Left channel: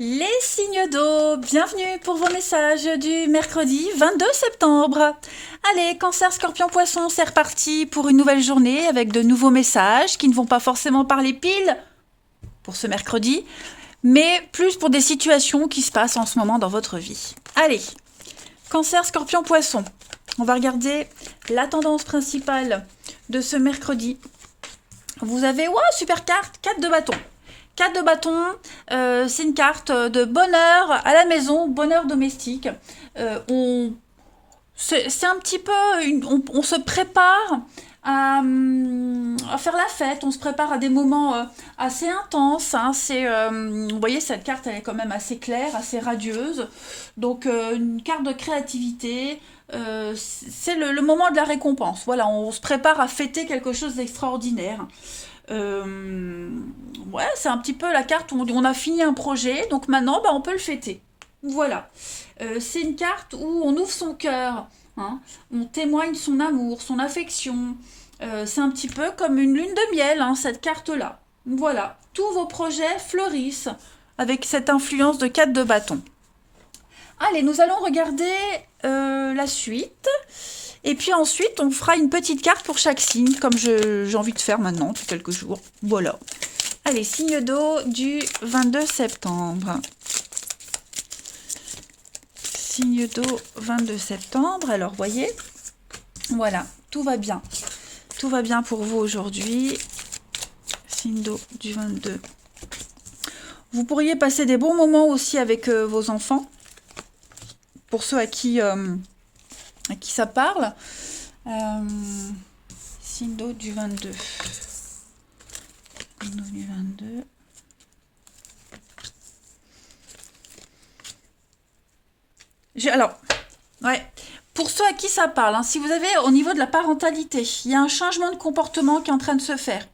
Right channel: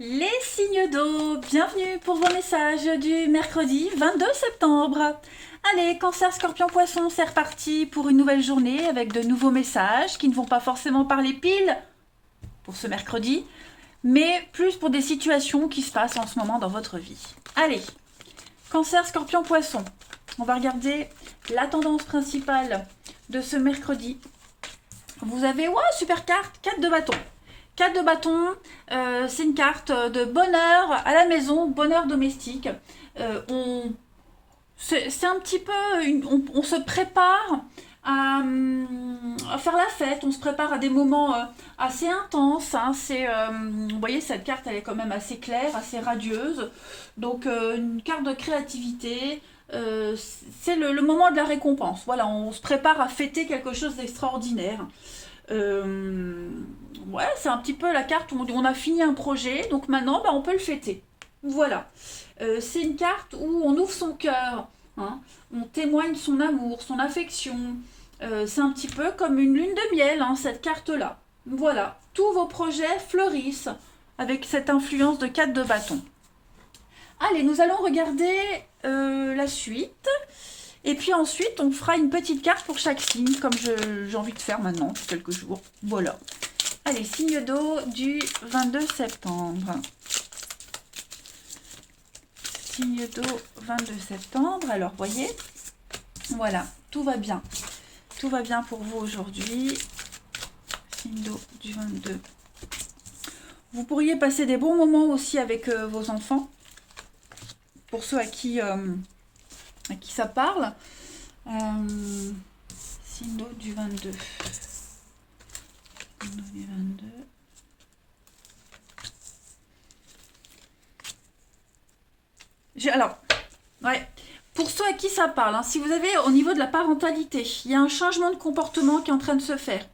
Les signes d'eau, bienvenue pour vos messages du mercredi 22 septembre. Allez, Cancer, Scorpion, Poisson, c'est reparti pour une nouvelle journée avec de nouveaux messages qui ne vont pas forcément parler pile pour ce mercredi, mais plus pour des situations qui se passent en ce moment dans votre vie. Allez, Cancer, Scorpion, Poisson, on va regarder la tendance principale de ce mercredi. Vous avez, ouais, super carte, 4 de bâton. 4 de bâton, c'est une carte de bonheur à la maison, bonheur domestique. C'est un petit peu, on se prépare à faire la fête, on se prépare à des moments assez intenses. Hein. Vous voyez, cette carte, elle est quand même assez claire, assez radieuse. Donc, une carte de créativité. C'est le moment de la récompense. Voilà, on se prépare à fêter quelque chose d'extraordinaire. Euh, ouais, c'est un petit peu la carte où on a fini un projet, donc maintenant on peut le fêter. Voilà. C'est une carte où on ouvre son cœur, hein, on témoigne son amour, son affection. C'est un petit peu comme une lune de miel, hein, cette carte-là. Voilà. Tous vos projets fleurissent avec cette influence de 4 de bâton. Allez, nous allons regarder la suite. Et puis ensuite, on fera une petite carte pour chaque signe, comme j'ai envie de faire maintenant, depuis quelques jours. Voilà. Allez, signe d'eau du 22 septembre. Signe d'eau 22 septembre. Alors, voyez, voilà, tout va bien. Tout va bien pour vous aujourd'hui. Signe d'eau du 22. Vous pourriez passer des bons moments aussi avec vos enfants. Pour ceux à qui ça parle. Signe d'eau du 22. Signe d'eau du 22. Alors, ouais. Pour ceux à qui ça parle, hein, si vous avez au niveau de la parentalité, il y a un changement de comportement qui est en train de se faire.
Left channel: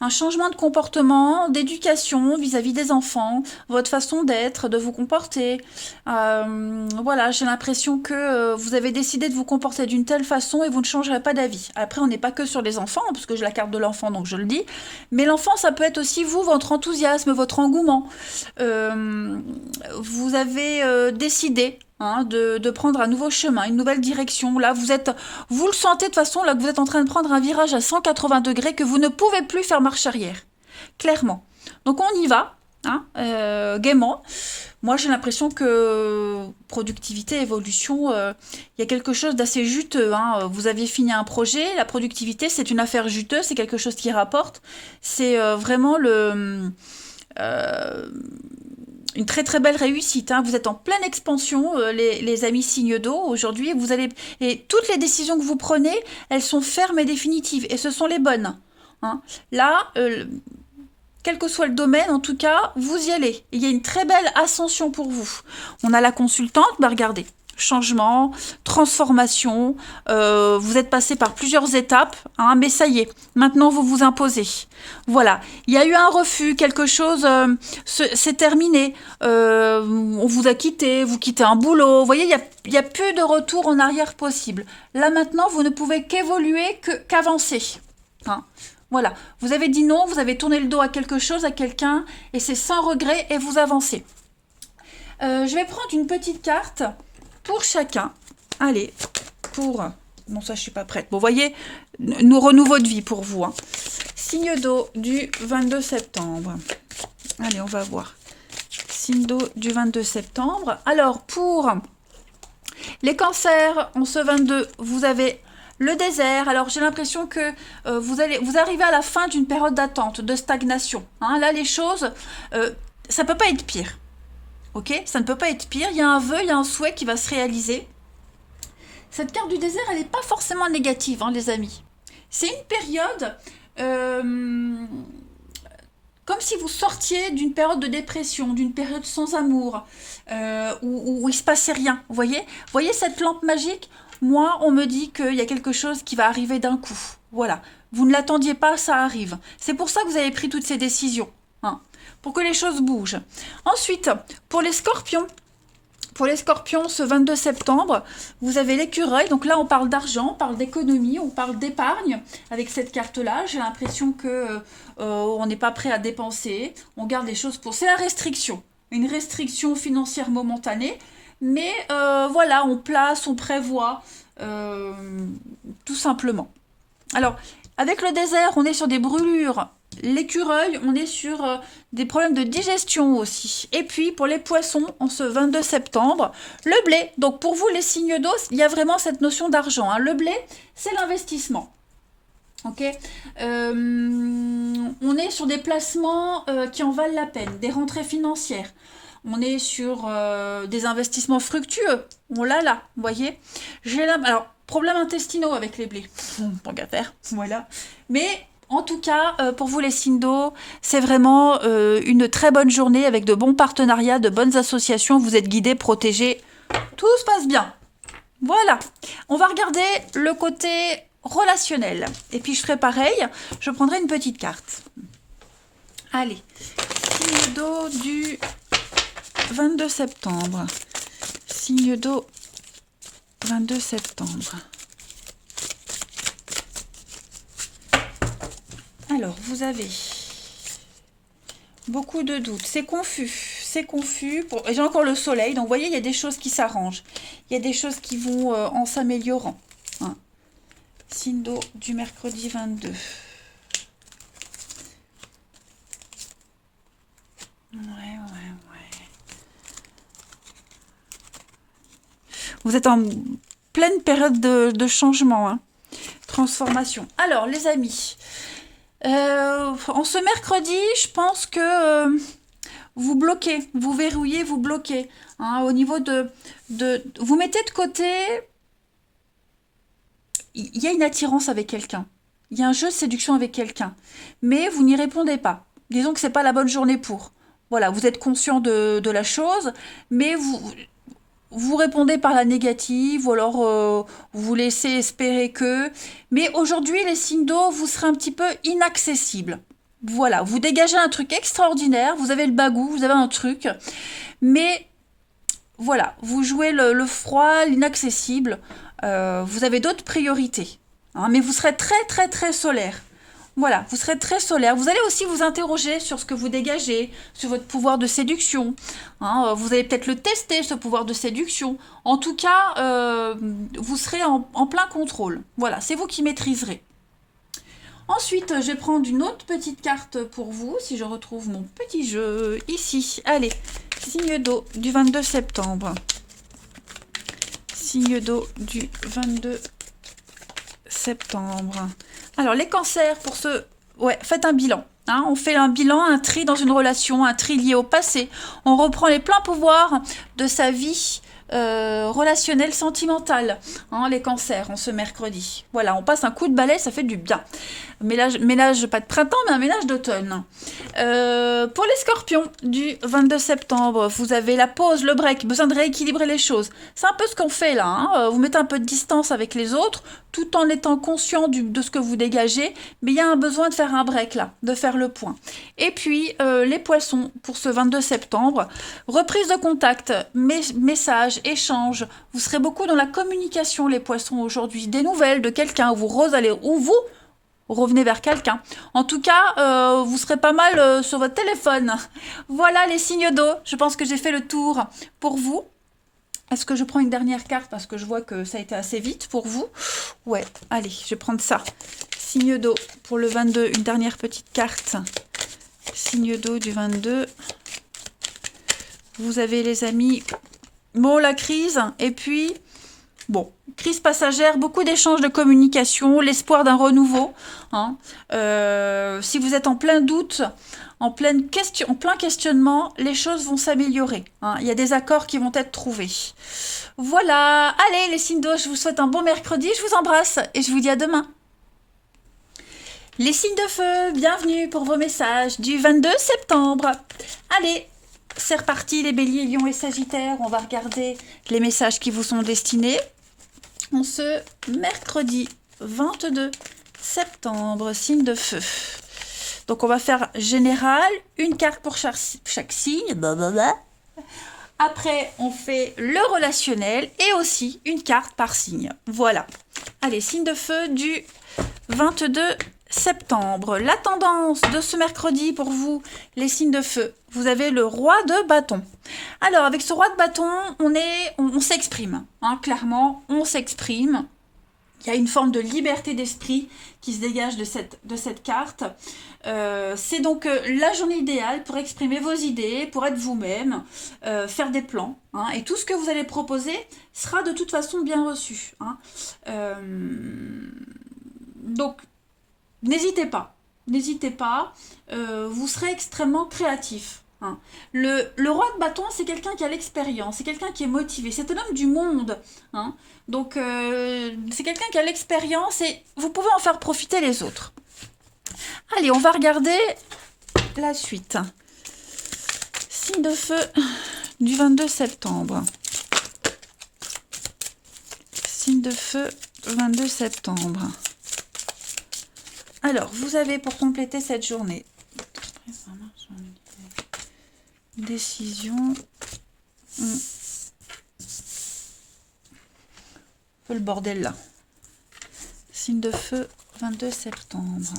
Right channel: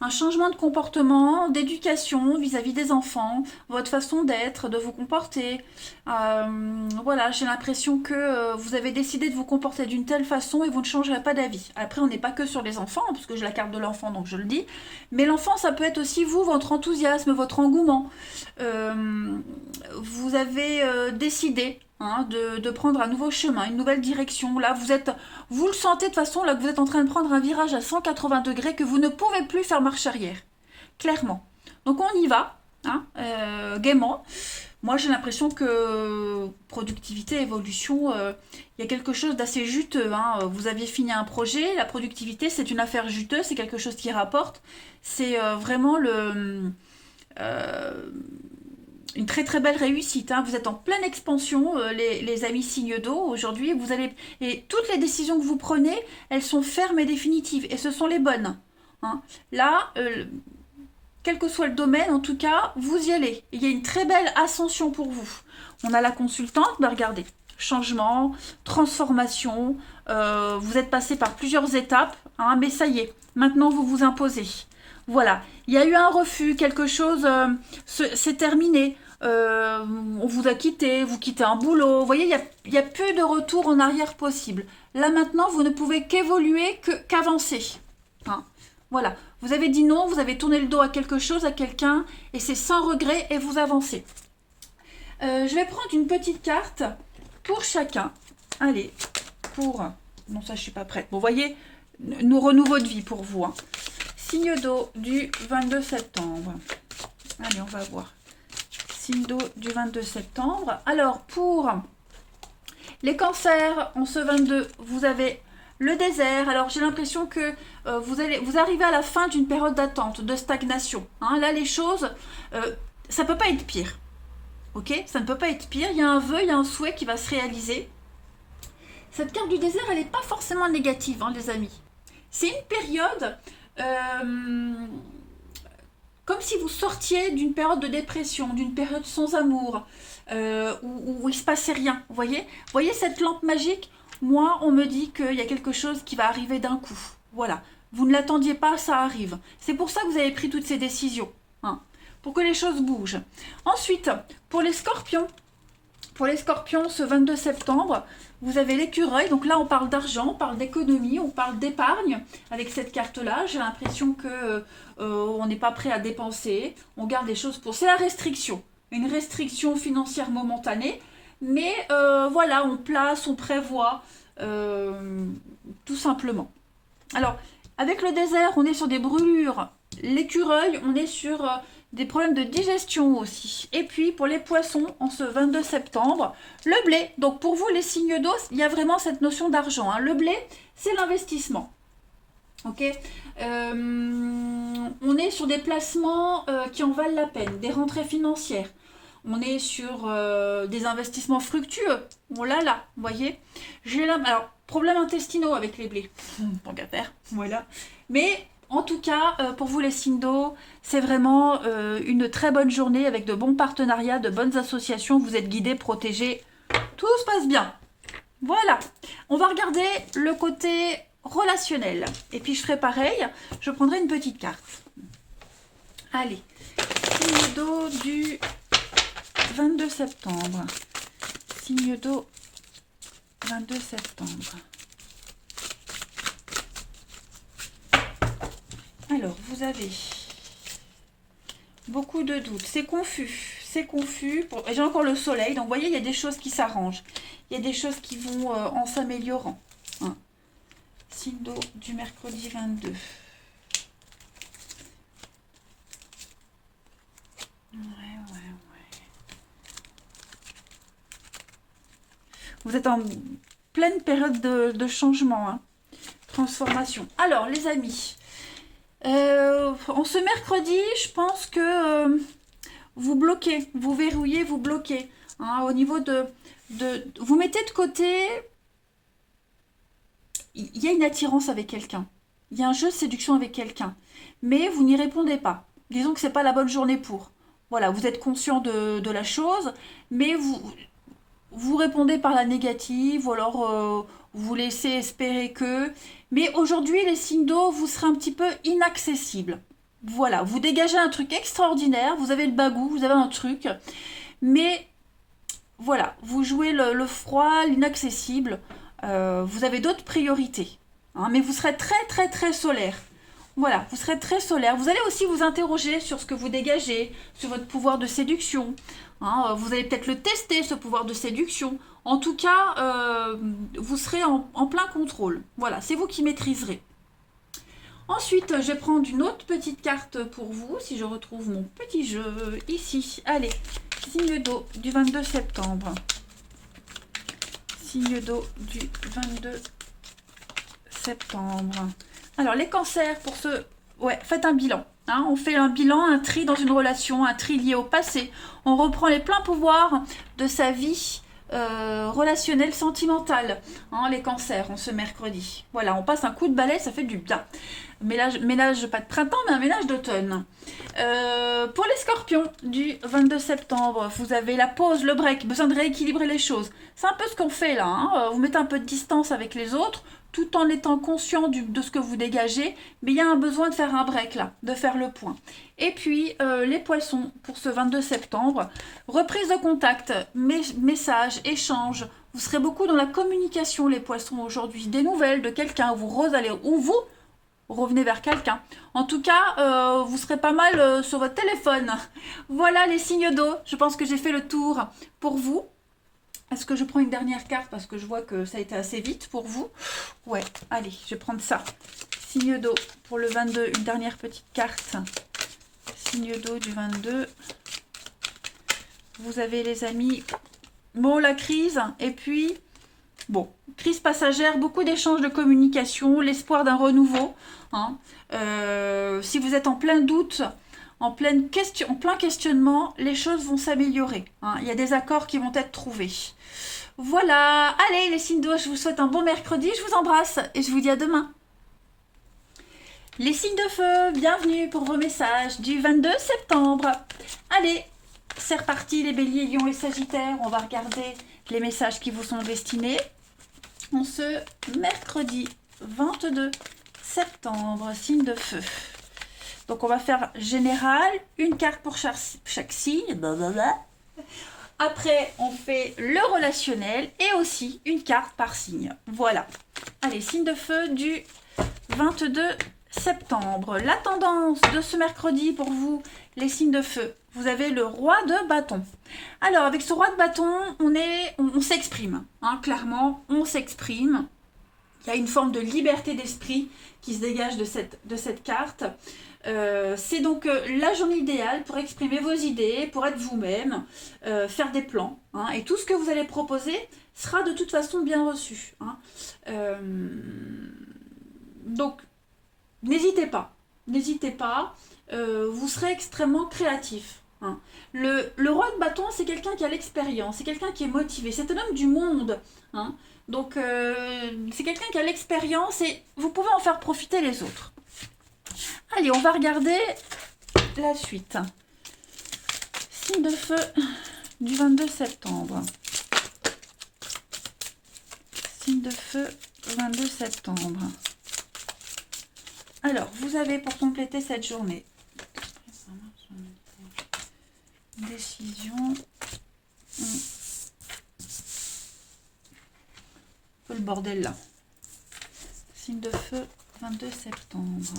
Un changement de comportement, d'éducation vis-à-vis des enfants, votre façon d'être, de vous comporter. Voilà, j'ai l'impression que vous avez décidé de vous comporter d'une telle façon et vous ne changerez pas d'avis. Après, on n'est pas que sur les enfants, parce que j'ai la carte de l'enfant, donc je le dis. Mais l'enfant, ça peut être aussi vous, votre enthousiasme, votre engouement. Vous avez décidé, hein, de prendre un nouveau chemin, une nouvelle direction. Là, vous le sentez de toute façon, là que vous êtes en train de prendre un virage à 180 degrés que vous ne pouvez plus faire marche arrière. Clairement. Donc on y va, hein, gaiement. Moi, j'ai l'impression que productivité, évolution, il y a quelque chose d'assez juteux. Hein. Vous aviez fini un projet, la productivité, c'est une affaire juteuse, c'est quelque chose qui rapporte. C'est vraiment euh, une très très belle réussite. Hein. Vous êtes en pleine expansion, les amis signes d'eau aujourd'hui. Et toutes les décisions que vous prenez, elles sont fermes et définitives. Et ce sont les bonnes. Hein. Là, quel que soit le domaine, en tout cas, vous y allez. Il y a une très belle ascension pour vous. On a la consultante, bah regardez. Changement, transformation, vous êtes passé par plusieurs étapes, hein, mais ça y est, maintenant vous vous imposez. Voilà, il y a eu un refus, quelque chose, c'est terminé, on vous a quitté, vous quittez un boulot, vous voyez, il y a plus de retour en arrière possible. Là maintenant, vous ne pouvez qu'évoluer, qu'avancer. Hein. Voilà, vous avez dit non, vous avez tourné le dos à quelque chose, à quelqu'un, et c'est sans regret, et vous avancez. Je vais prendre une petite carte pour chacun. Allez, pour... Non, ça, je suis pas prête. Bon, vous voyez, nous renouveau de vie pour vous. Hein. Signe d'eau du 22 septembre. Allez, on va voir. Signe d'eau du 22 septembre. Alors, pour les cancers, en ce 22, vous avez le désert. Alors, j'ai l'impression que vous arrivez à la fin d'une période d'attente, de stagnation. Hein. Là, les choses, ça peut pas être pire. Ok, ça ne peut pas être pire. Il y a un vœu, il y a un souhait qui va se réaliser. Cette carte du désert, elle n'est pas forcément négative, hein, les amis. C'est une période comme si vous sortiez d'une période de dépression, d'une période sans amour, où il ne se passait rien. Vous voyez cette lampe magique? Moi, on me dit qu'il y a quelque chose qui va arriver d'un coup. Voilà. Vous ne l'attendiez pas, ça arrive. C'est pour ça que vous avez pris toutes ces décisions. Hein, pour que les choses bougent. Ensuite, pour les scorpions, ce 22 septembre, vous avez l'écureuil. Donc là, on parle d'argent, on parle d'économie, on parle d'épargne. Avec cette carte-là, j'ai l'impression que on n'est pas prêt à dépenser. On garde les choses pour... C'est la restriction. une restriction financière momentanée, mais voilà, on place, on prévoit, tout simplement. Alors, avec le désert, on est sur des brûlures. L'écureuil, on est sur des problèmes de digestion aussi. Et puis, pour les poissons, en ce 22 septembre, le blé. Donc, pour vous, les signes d'eau, il y a vraiment cette notion d'argent, hein. Le blé, c'est l'investissement. Ok, on est sur des placements qui en valent la peine, des rentrées financières. On est sur des investissements fructueux. On l'a là, vous voyez. Alors, problèmes intestinaux avec les blés. Tant qu'à faire, voilà. Mais en tout cas, pour vous les signes d'eau, c'est vraiment une très bonne journée avec de bons partenariats, de bonnes associations. Vous êtes guidés, protégés. Tout se passe bien. Voilà. On va regarder le côté relationnel. Et puis je ferai pareil. Je prendrai une petite carte. Allez. Signe d'eau du 22 septembre. Signe d'eau 22 septembre. Alors, vous avez beaucoup de doutes. C'est confus. C'est confus. J'ai encore le soleil. Donc, vous voyez, il y a des choses qui s'arrangent. Il y a des choses qui vont en s'améliorant. Hein. Signe d'eau du mercredi 22. Ouais. Vous êtes en pleine période de changement, hein. Transformation. Alors, les amis, en ce mercredi, je pense que vous bloquez, vous verrouillez, vous bloquez. Hein, au niveau vous mettez de côté, il y a une attirance avec quelqu'un. Il y a un jeu de séduction avec quelqu'un. Mais vous n'y répondez pas. Disons que ce n'est pas la bonne journée pour. Voilà, vous êtes conscient de la chose, mais vous répondez par la négative ou alors vous laissez espérer que. Mais aujourd'hui, les signes d'eau, vous serez un petit peu inaccessibles. Voilà, vous dégagez un truc extraordinaire, vous avez le bagou, vous avez un truc. Mais voilà, vous jouez le froid, l'inaccessible. Vous avez d'autres priorités. Hein, mais vous serez très, très, très solaire. Voilà, vous serez très solaire. Vous allez aussi vous interroger sur ce que vous dégagez, sur votre pouvoir de séduction. Hein, vous allez peut-être le tester, ce pouvoir de séduction. En tout cas, vous serez en plein contrôle. Voilà, c'est vous qui maîtriserez. Ensuite, je vais prendre une autre petite carte pour vous, si je retrouve mon petit jeu ici. Allez, signe d'eau du 22 septembre. Signe d'eau du 22 septembre. Alors, les cancers, pour ce... Ouais, faites un bilan. Hein, on fait un bilan, un tri dans une relation, un tri lié au passé. On reprend les pleins pouvoirs de sa vie relationnelle, sentimentale. Hein, les cancers, en ce mercredi. Voilà, on passe un coup de balai, ça fait du bien. Ménage pas de printemps, mais un ménage d'automne. Pour les scorpions, du 22 septembre, vous avez la pause, le break, besoin de rééquilibrer les choses. C'est un peu ce qu'on fait là. Hein. Vous mettez un peu de distance avec les autres, tout en étant conscient de ce que vous dégagez. Mais il y a un besoin de faire un break là, de faire le point. Et puis, les poissons, pour ce 22 septembre, reprise de contact, messages, échanges. Vous serez beaucoup dans la communication, les poissons, aujourd'hui. Des nouvelles de quelqu'un, où vous revenez vers quelqu'un. En tout cas, vous serez pas mal sur votre téléphone. Voilà les signes d'eau. Je pense que j'ai fait le tour pour vous. Est-ce que je prends une dernière carte parce que je vois que ça a été assez vite pour vous? Ouais, allez, je vais prendre ça. Signe d'eau pour le 22, une dernière petite carte. Signe d'eau du 22. Vous avez les amis, bon, la crise, et puis... Bon, crise passagère, beaucoup d'échanges de communication, l'espoir d'un renouveau. Hein. Si vous êtes en plein doute, en plein questionnement, les choses vont s'améliorer. Hein. Il y a des accords qui vont être trouvés. Voilà, allez les signes d'eau, je vous souhaite un bon mercredi, je vous embrasse et je vous dis à demain. Les signes de feu, bienvenue pour vos messages du 22 septembre. Allez, c'est reparti les béliers, lions et sagittaires. On va regarder les messages qui vous sont destinés. En ce mercredi 22 septembre, signe de feu. Donc on va faire général, une carte pour chaque signe. Après, on fait le relationnel et aussi une carte par signe. Voilà. Allez, signe de feu du 22 septembre. La tendance de ce mercredi pour vous, les signes de feu. vous avez le roi de bâton. Alors, avec ce roi de bâton, on s'exprime. Hein, clairement, on s'exprime. Il y a une forme de liberté d'esprit qui se dégage de cette carte. C'est donc la journée idéale pour exprimer vos idées, pour être vous-même, faire des plans. Hein, et tout ce que vous allez proposer sera de toute façon bien reçu. Hein. Donc, n'hésitez pas. N'hésitez pas. Vous serez extrêmement créatif. Hein. Le roi de bâton, c'est quelqu'un qui a l'expérience, c'est quelqu'un qui est motivé, c'est un homme du monde. Hein. Donc, c'est quelqu'un qui a l'expérience et vous pouvez en faire profiter les autres. Allez, on va regarder la suite. Signe de feu du 22 septembre. Signe de feu 22 septembre. Alors, vous avez pour compléter cette journée décision. Un peu le bordel là. Signe de feu 22 septembre.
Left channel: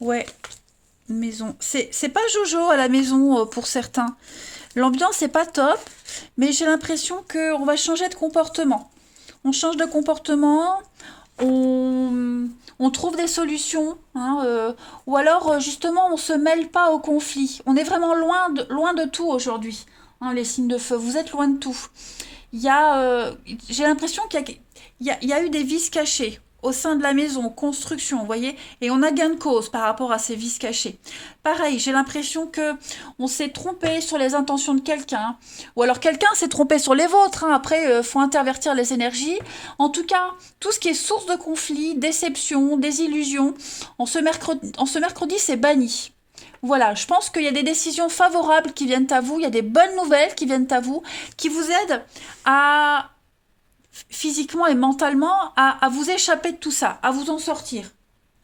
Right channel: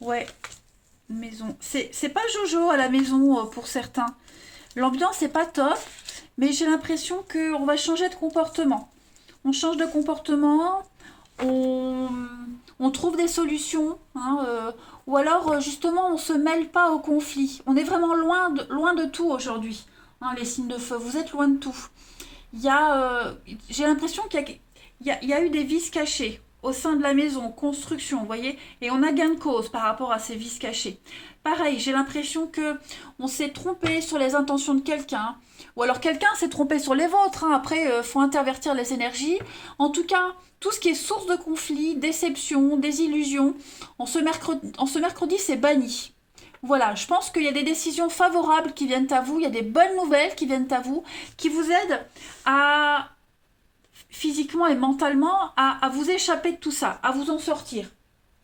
Ouais, maison. C'est pas Jojo à la maison pour certains. L'ambiance n'est pas top, mais j'ai l'impression qu'on va changer de comportement. On change de comportement, on trouve des solutions, hein, ou alors justement on ne se mêle pas au conflit. On est vraiment loin de tout aujourd'hui, hein, les signes de feu. Vous êtes loin de tout. J'ai l'impression qu'il y a eu des vices cachés au sein de la maison, construction, vous voyez, et on a gain de cause par rapport à ces vices cachés. Pareil, j'ai l'impression que on s'est trompé sur les intentions de quelqu'un, ou alors quelqu'un s'est trompé sur les vôtres. Hein. Après, faut intervertir les énergies. En tout cas, tout ce qui est source de conflit, déception, désillusion, en ce mercredi, c'est banni. Voilà, je pense qu'il y a des décisions favorables qui viennent à vous, il y a des bonnes nouvelles qui viennent à vous, qui vous aident à physiquement et mentalement à vous échapper de tout ça, à vous en sortir.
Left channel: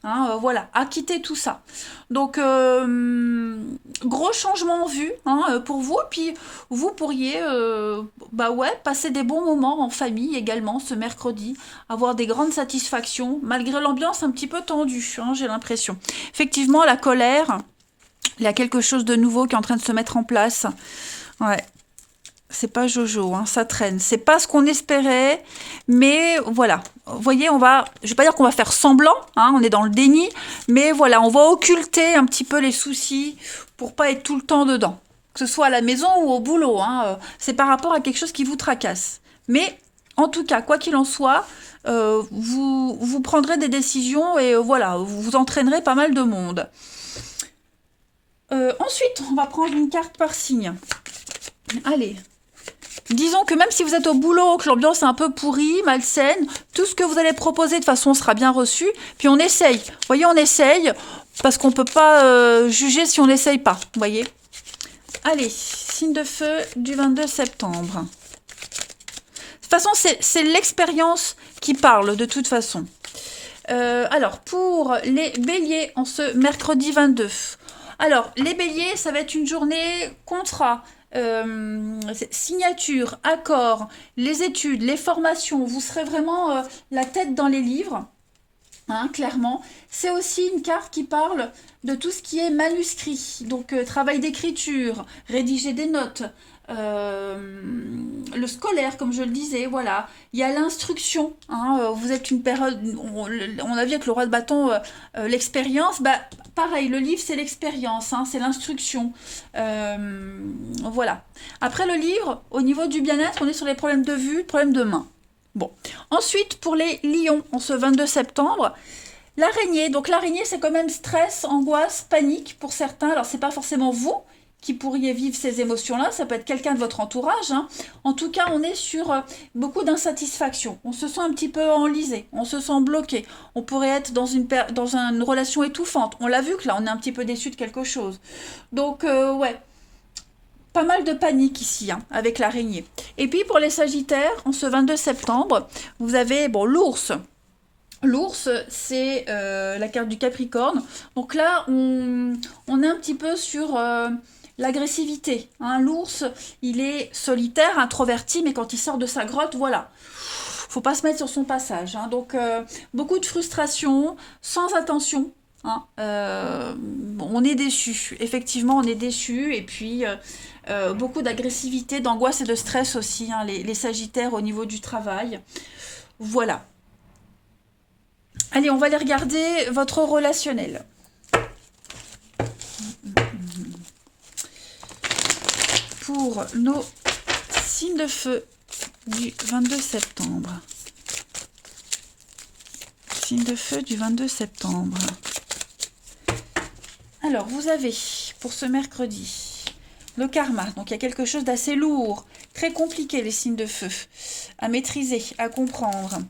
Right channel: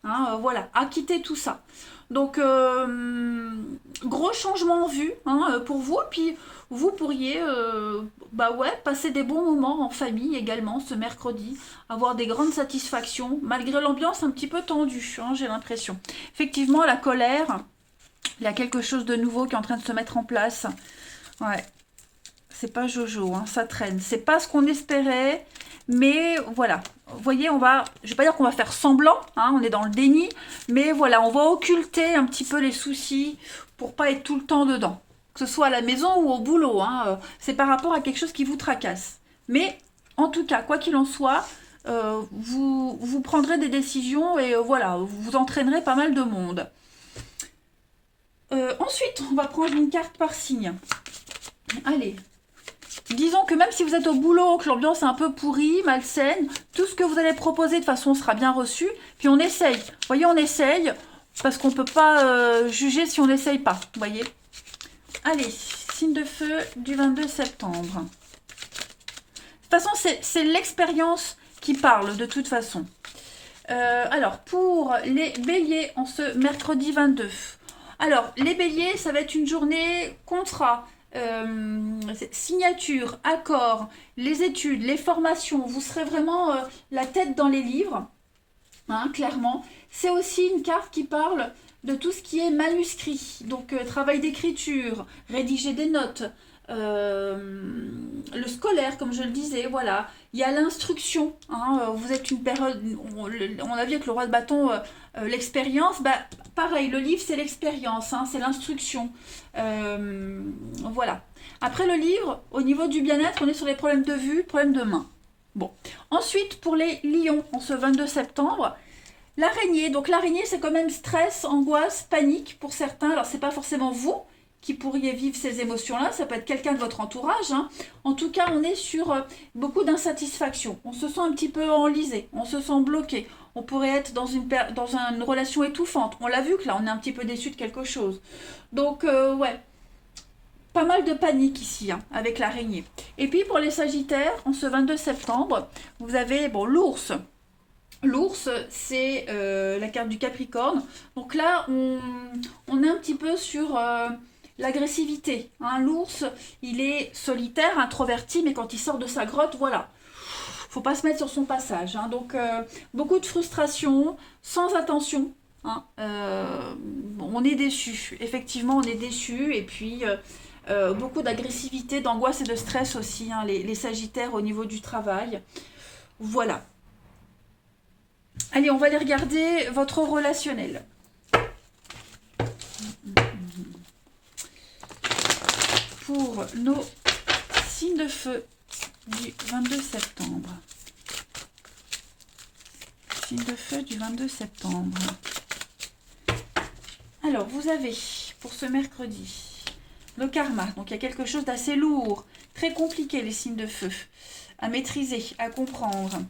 Hein, voilà, à quitter tout ça. Donc, gros changement en vue hein, pour vous. Puis, vous pourriez passer des bons moments en famille également ce mercredi, avoir des grandes satisfactions, malgré l'ambiance un petit peu tendue, hein, j'ai l'impression. Effectivement, la colère, il y a quelque chose de nouveau qui est en train de se mettre en place. Ouais. C'est pas Jojo, hein, ça traîne. C'est pas ce qu'on espérait, mais voilà. Vous voyez, je vais pas dire qu'on va faire semblant, hein, on est dans le déni, mais voilà, on va occulter un petit peu les soucis pour pas être tout le temps dedans. Que ce soit à la maison ou au boulot, hein, c'est par rapport à quelque chose qui vous tracasse. Mais en tout cas, quoi qu'il en soit, vous prendrez des décisions et voilà, vous entraînerez pas mal de monde. Ensuite, on va prendre une carte par signe. Allez. Disons que même si vous êtes au boulot, que l'ambiance est un peu pourrie, malsaine, tout ce que vous allez proposer de toute façon sera bien reçu. Puis on essaye. Vous voyez, on essaye parce qu'on ne peut pas juger si on n'essaye pas. Vous voyez. Allez, signe de feu du 22 septembre. De toute façon, c'est l'expérience qui parle de toute façon. Alors, pour les béliers en ce mercredi 22. Alors, les béliers, ça va être une journée contrat. Signature, accord, les études, les formations, vous serez vraiment la tête dans les livres, hein, clairement. C'est aussi une carte qui parle de tout ce qui est manuscrit, donc travail d'écriture, rédiger des notes, le scolaire, comme je le disais, voilà. Il y a l'instruction, hein, vous êtes une période, on a vu avec le roi de bâton, l'expérience, pareil, le livre c'est l'expérience, hein, c'est l'instruction, voilà. Après le livre, au niveau du bien-être, on est sur les problèmes de vue, problèmes de main. Bon, ensuite pour les lions, en ce 22 septembre, l'araignée, donc l'araignée c'est quand même stress, angoisse, panique pour certains, alors c'est pas forcément vous qui pourriez vivre ces émotions-là, ça peut être quelqu'un de votre entourage. Hein. En tout cas, on est sur beaucoup d'insatisfaction. On se sent un petit peu enlisé, on se sent bloqué. On pourrait être dans une relation étouffante. On l'a vu que là, on est un petit peu déçu de quelque chose. Donc, ouais, pas mal de panique ici, hein, avec l'araignée. Et puis, pour les sagittaires, en ce 22 septembre, vous avez l'ours. L'ours, c'est la carte du Capricorne. Donc là, on est un petit peu sur l'agressivité. Hein. L'ours, il est solitaire, introverti, mais quand il sort de sa grotte, voilà. Faut pas se mettre sur son passage. Hein. Donc, beaucoup de frustration, sans attention. hein. Bon, on est déçu. Effectivement, on est déçu. Et puis, beaucoup d'agressivité, d'angoisse et de stress aussi, hein, les Sagittaires au niveau du travail. Voilà. Allez, on va aller regarder votre relationnel. Pour nos signes de feu du 22 septembre. Signe de feu du 22 septembre. Alors, vous avez, pour ce mercredi, le karma. Donc, il y a quelque chose d'assez lourd, très compliqué, les signes de feu, à maîtriser, à comprendre.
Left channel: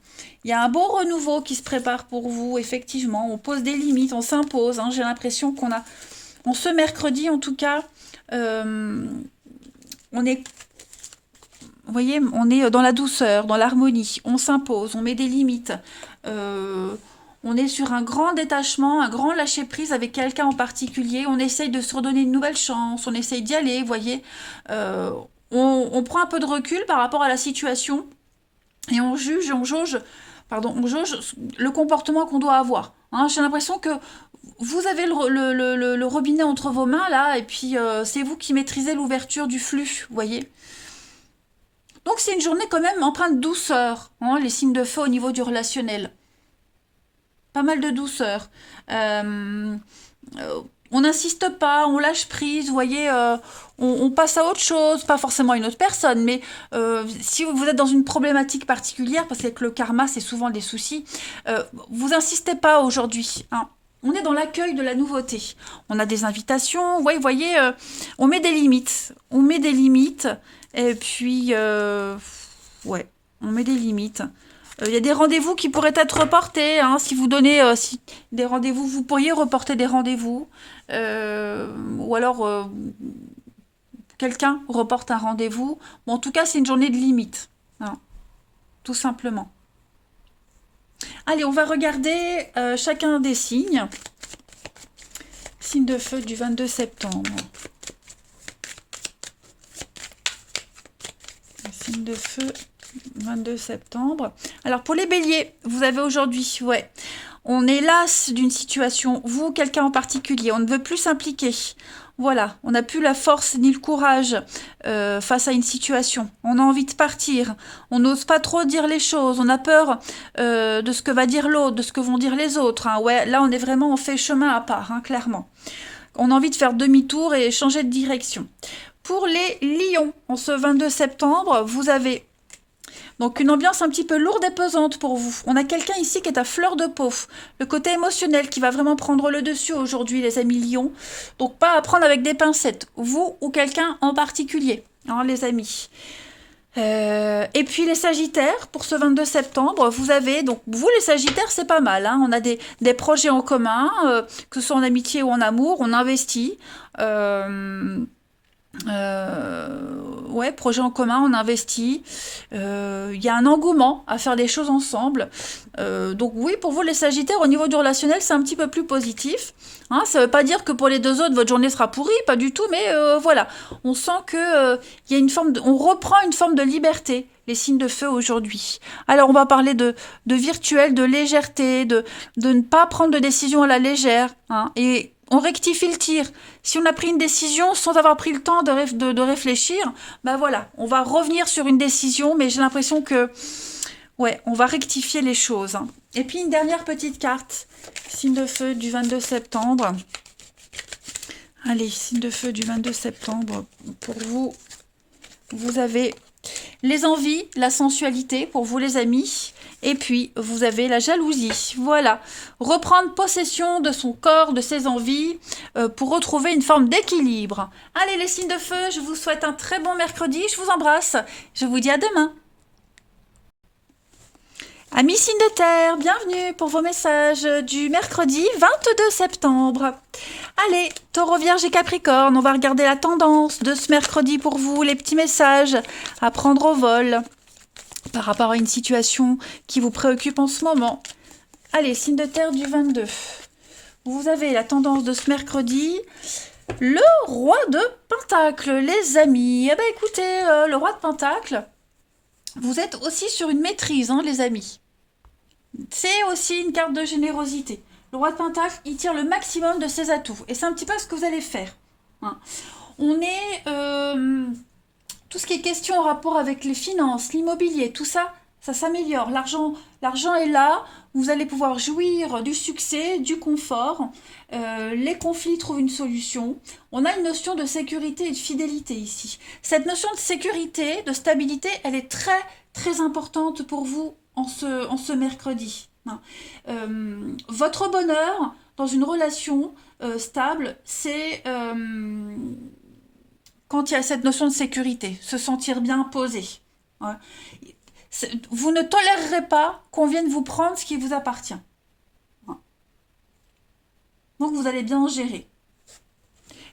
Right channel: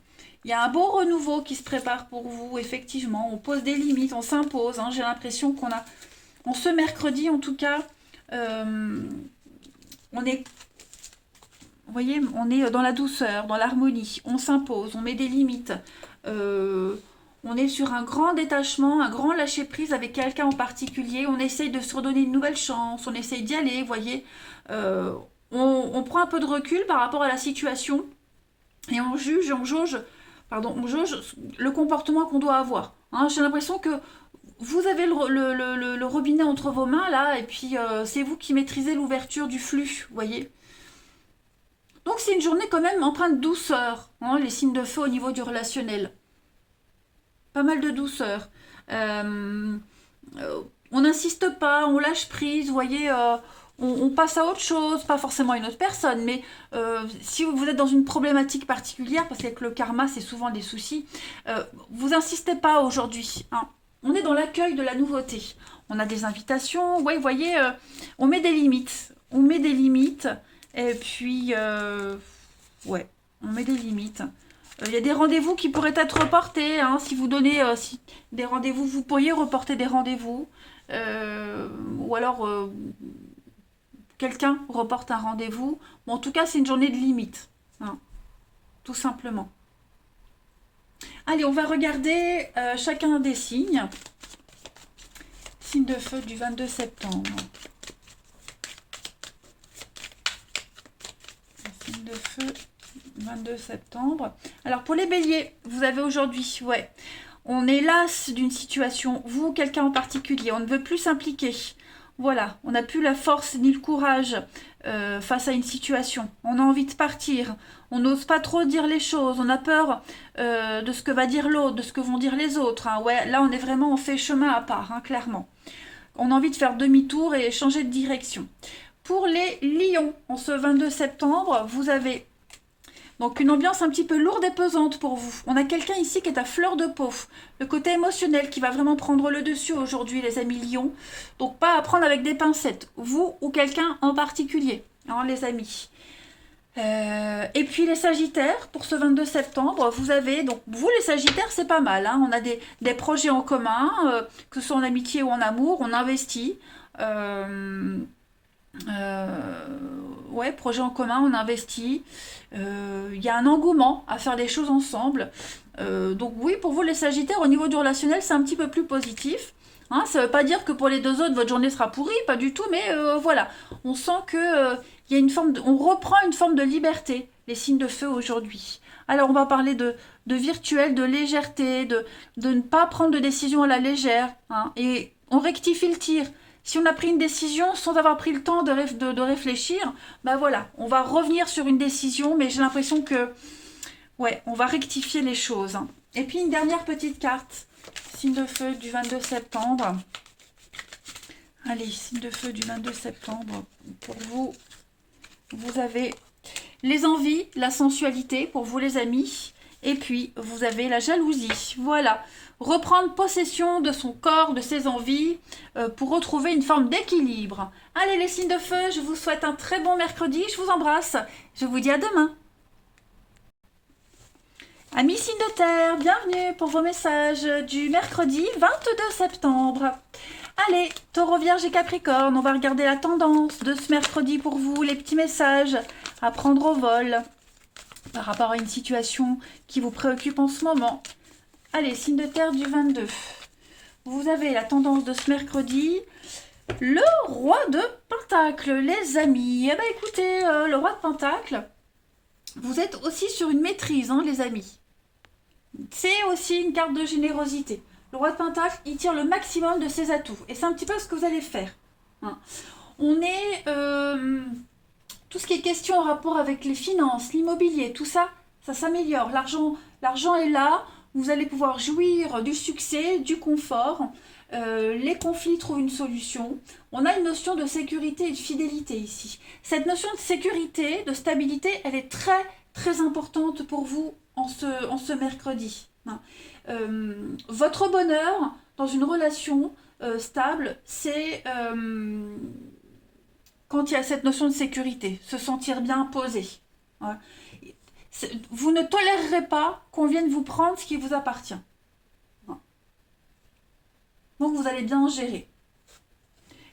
Il y a un beau renouveau qui se prépare pour vous, effectivement. On pose des limites, on s'impose. Hein. J'ai l'impression qu'on a, en ce mercredi, en tout cas, on est, vous voyez, on est dans la douceur, dans l'harmonie. On s'impose, on met des limites. On est sur un grand détachement, un grand lâcher-prise avec quelqu'un en particulier. On essaye de se redonner une nouvelle chance, on essaye d'y aller, vous voyez. On prend un peu de recul par rapport à la situation et on jauge, pardon, on jauge le comportement qu'on doit avoir. Hein. J'ai l'impression que vous avez le robinet entre vos mains, là, et puis c'est vous qui maîtrisez l'ouverture du flux, vous voyez. Donc c'est une journée quand même empreinte de douceur, hein, les signes de feu au niveau du relationnel. Pas mal de douceur. On n'insiste pas, on lâche prise, vous voyez, on passe à autre chose, pas forcément une autre personne, mais si vous êtes dans une problématique particulière, parce que le karma, c'est souvent des soucis, vous insistez pas aujourd'hui, hein. On est dans l'accueil de la nouveauté. On a des invitations, ouais, vous voyez, on met des limites. On met des limites, et puis, ouais, on met des limites. Il y a des rendez-vous qui pourraient être reportés. Hein, si vous donnez des rendez-vous, vous pourriez reporter des rendez-vous. Ou alors, quelqu'un reporte un rendez-vous. Bon, en tout cas, c'est une journée de limite. Hein, tout simplement. Allez, on va regarder chacun des signes. Signe de feu du 22 septembre. Signe de feu 22 septembre. Alors pour les béliers, vous avez aujourd'hui, ouais, on est las d'une situation, vous ou quelqu'un en particulier, on ne veut plus s'impliquer. Voilà, on n'a plus la force ni le courage face à une situation. On a envie de partir, on n'ose pas trop dire les choses, on a peur de ce que va dire l'autre, de ce que vont dire les autres. Hein. Ouais, là on est vraiment, on fait chemin à part, hein, clairement. On a envie de faire demi-tour et changer de direction. Pour les lions, en ce 22 septembre, vous avez donc une ambiance un petit peu lourde et pesante pour vous. On a quelqu'un ici qui est à fleur de peau. Le côté émotionnel qui va vraiment prendre le dessus aujourd'hui, les amis lions. Donc pas à prendre avec des pincettes. Vous ou quelqu'un en particulier, hein, les amis. Et puis les sagittaires, pour ce 22 septembre, vous avez, donc vous les sagittaires, c'est pas mal. Hein, on a des projets en commun, que ce soit en amitié ou en amour, on investit. Ouais, projet en commun, on investit. Il y a un engouement à faire des choses ensemble. Donc oui, pour vous les Sagittaires, au niveau du relationnel, c'est un petit peu plus positif. Hein, ça ne veut pas dire que pour les deux autres, votre journée sera pourrie, pas du tout, mais voilà. On sent que il y a une forme on reprend une forme de liberté, les signes de feu aujourd'hui. Alors on va parler de virtuel, de légèreté, de ne pas prendre de décision à la légère. Hein, et on rectifie le tir. Si on a pris une décision sans avoir pris le temps de réfléchir, ben voilà, on va revenir sur une décision, mais j'ai l'impression que, ouais, on va rectifier les choses. Hein. Et puis une dernière petite carte, signe de feu du 22 septembre. Allez, signe de feu du 22 septembre, pour vous, vous avez les envies, la sensualité, pour vous les amis. Et puis, vous avez la jalousie. Voilà. Reprendre possession de son corps, de ses envies, pour retrouver une forme d'équilibre. Allez, les signes de feu, je vous souhaite un très bon mercredi. Je vous embrasse. Je vous dis à demain. Amis signes de terre, bienvenue pour vos messages du mercredi 22 septembre. Allez, Taureau, Vierge et Capricorne, on va regarder la tendance de ce mercredi pour vous, les petits messages à prendre au vol par rapport à une situation qui vous préoccupe en ce moment. Allez, signe de terre du 22. Vous avez la tendance de ce mercredi, le roi de Pentacle, les amis. Eh bien, écoutez, le roi de Pentacle, vous êtes aussi sur une maîtrise, hein, les amis. C'est aussi une carte de générosité. Le roi de Pentacle, il tire le maximum de ses atouts. Et c'est un petit peu ce que vous allez faire. Hein. On est... tout ce qui est question en rapport avec les finances, l'immobilier, tout ça, ça s'améliore. L'argent est là. Vous allez pouvoir jouir du succès, du confort. Les conflits trouvent une solution. On a une notion de sécurité et de fidélité ici. Cette notion de sécurité, de stabilité, elle est très, très importante pour vous en ce mercredi. Votre bonheur dans une relation stable, c'est quand il y a cette notion de sécurité, se sentir bien posé. Voilà. Vous ne tolérerez pas qu'on vienne vous prendre ce qui vous appartient. Donc vous allez bien gérer.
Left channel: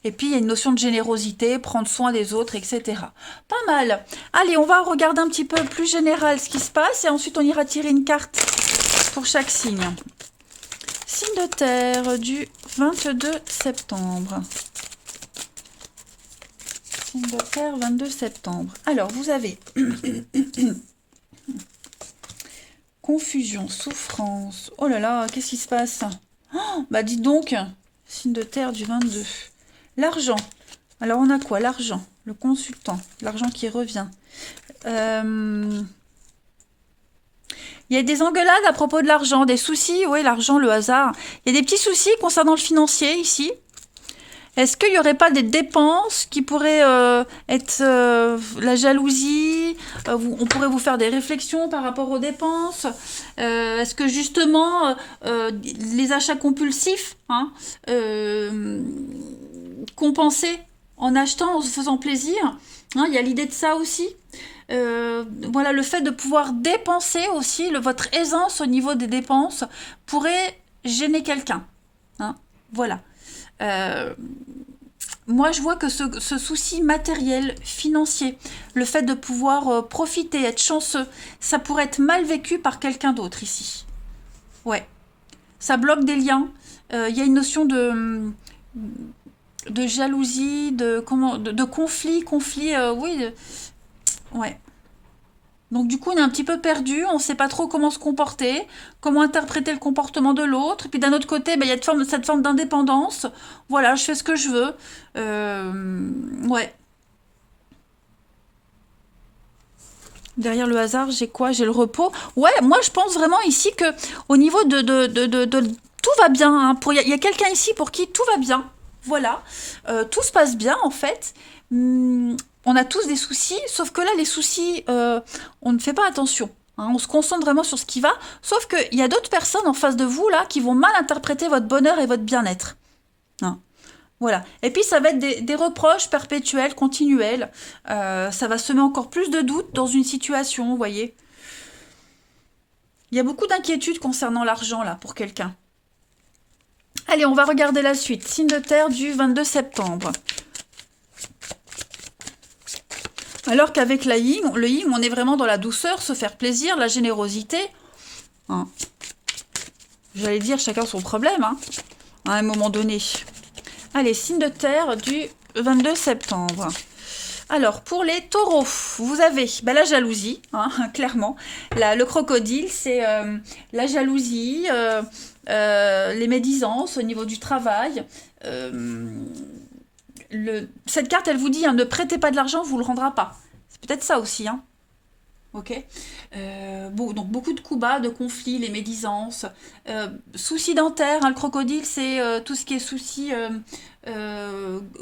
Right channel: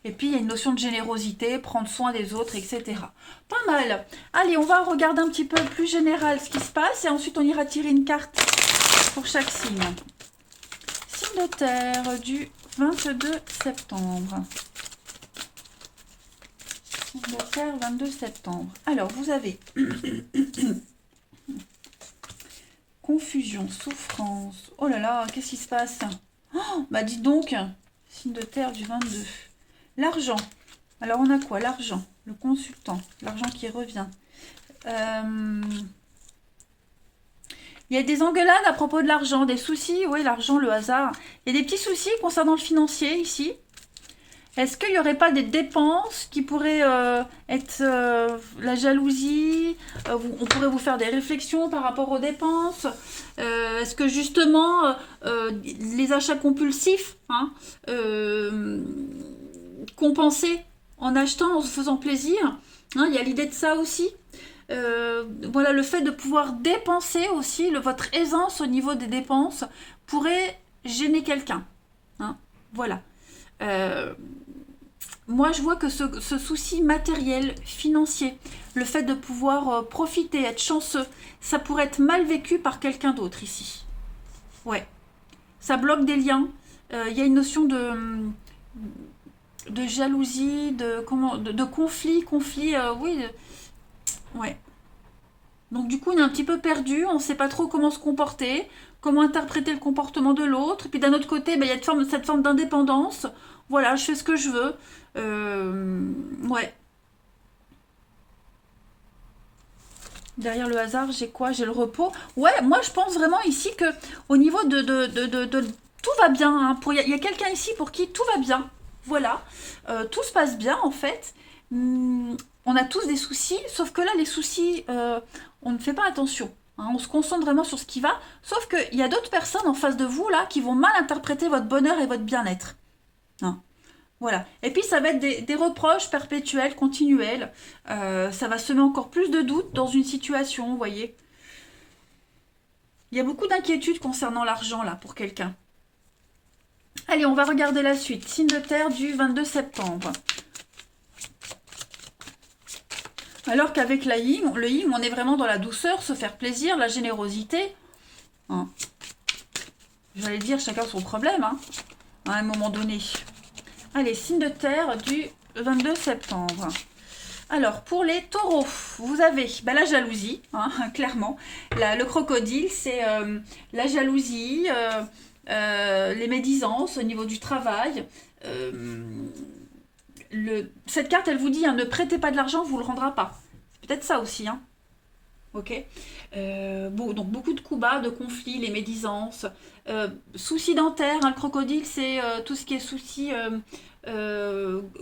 Et puis il y a une notion de générosité, prendre soin des autres, etc. Pas mal. Allez, on va regarder un petit peu plus général ce qui se passe et ensuite on ira tirer une carte pour chaque signe. Signe de terre du 22 septembre. Signe de terre 22 septembre. Alors vous avez confusion, souffrance. Oh là là, qu'est-ce qui se passe? Oh, bah dites donc, signe de terre du 22. L'argent. Alors on a quoi? L'argent, le consultant, l'argent qui revient. Il y a des engueulades à propos de l'argent, des soucis, oui, l'argent, le hasard. Il y a des petits soucis concernant le financier ici. Est-ce qu'il n'y aurait pas des dépenses qui pourraient être la jalousie? On pourrait vous faire des réflexions par rapport aux dépenses. Est-ce que justement, les achats compulsifs, hein, compenser en achetant, en se faisant plaisir, hein, il y a l'idée de ça aussi. Voilà, le fait de pouvoir dépenser aussi, votre aisance au niveau des dépenses pourrait gêner quelqu'un. Hein, voilà. Moi, je vois que ce souci matériel, financier, le fait de pouvoir profiter, être chanceux, ça pourrait être mal vécu par quelqu'un d'autre ici. Ouais. Ça bloque des liens. Il y a une notion de jalousie, de conflit, oui. Ouais. Donc du coup, on est un petit peu perdu, on ne sait pas trop comment se comporter, comment interpréter le comportement de l'autre. Et puis d'un autre côté, il y a cette forme d'indépendance. Voilà, je fais ce que je veux. Ouais. Derrière le hasard, j'ai quoi? J'ai le repos. Ouais, moi je pense vraiment ici que au niveau de tout va bien. Hein. Il y a quelqu'un ici pour qui tout va bien. Voilà. Tout se passe bien en fait. On a tous des soucis, sauf que là, les soucis, on ne fait pas attention. Hein, on se concentre vraiment sur ce qui va, sauf qu'il y a d'autres personnes en face de vous, là, qui vont mal interpréter votre bonheur et votre bien-être. Hein, voilà. Et puis, ça va être des reproches perpétuels, continuels. Ça va semer encore plus de doutes dans une situation, vous voyez. Il y a beaucoup d'inquiétudes concernant l'argent, là, pour quelqu'un. Allez, on va regarder la suite. Signe de terre du 22 septembre. Alors qu'avec le hymne, on est vraiment dans la douceur, se faire plaisir, la générosité. Hein. J'allais dire chacun son problème, hein, à un moment donné. Allez, signe de terre du 22 septembre. Alors, pour les taureaux, vous avez la jalousie, hein, clairement. Le crocodile, c'est la jalousie, les médisances au niveau du travail. Cette carte, elle vous dit, hein, ne prêtez pas de l'argent, vous ne le rendra pas. C'est peut-être ça aussi. Hein. Ok. Donc beaucoup de coups bas, de conflits, les médisances. Soucis dentaires, hein, le crocodile, c'est tout ce qui est soucis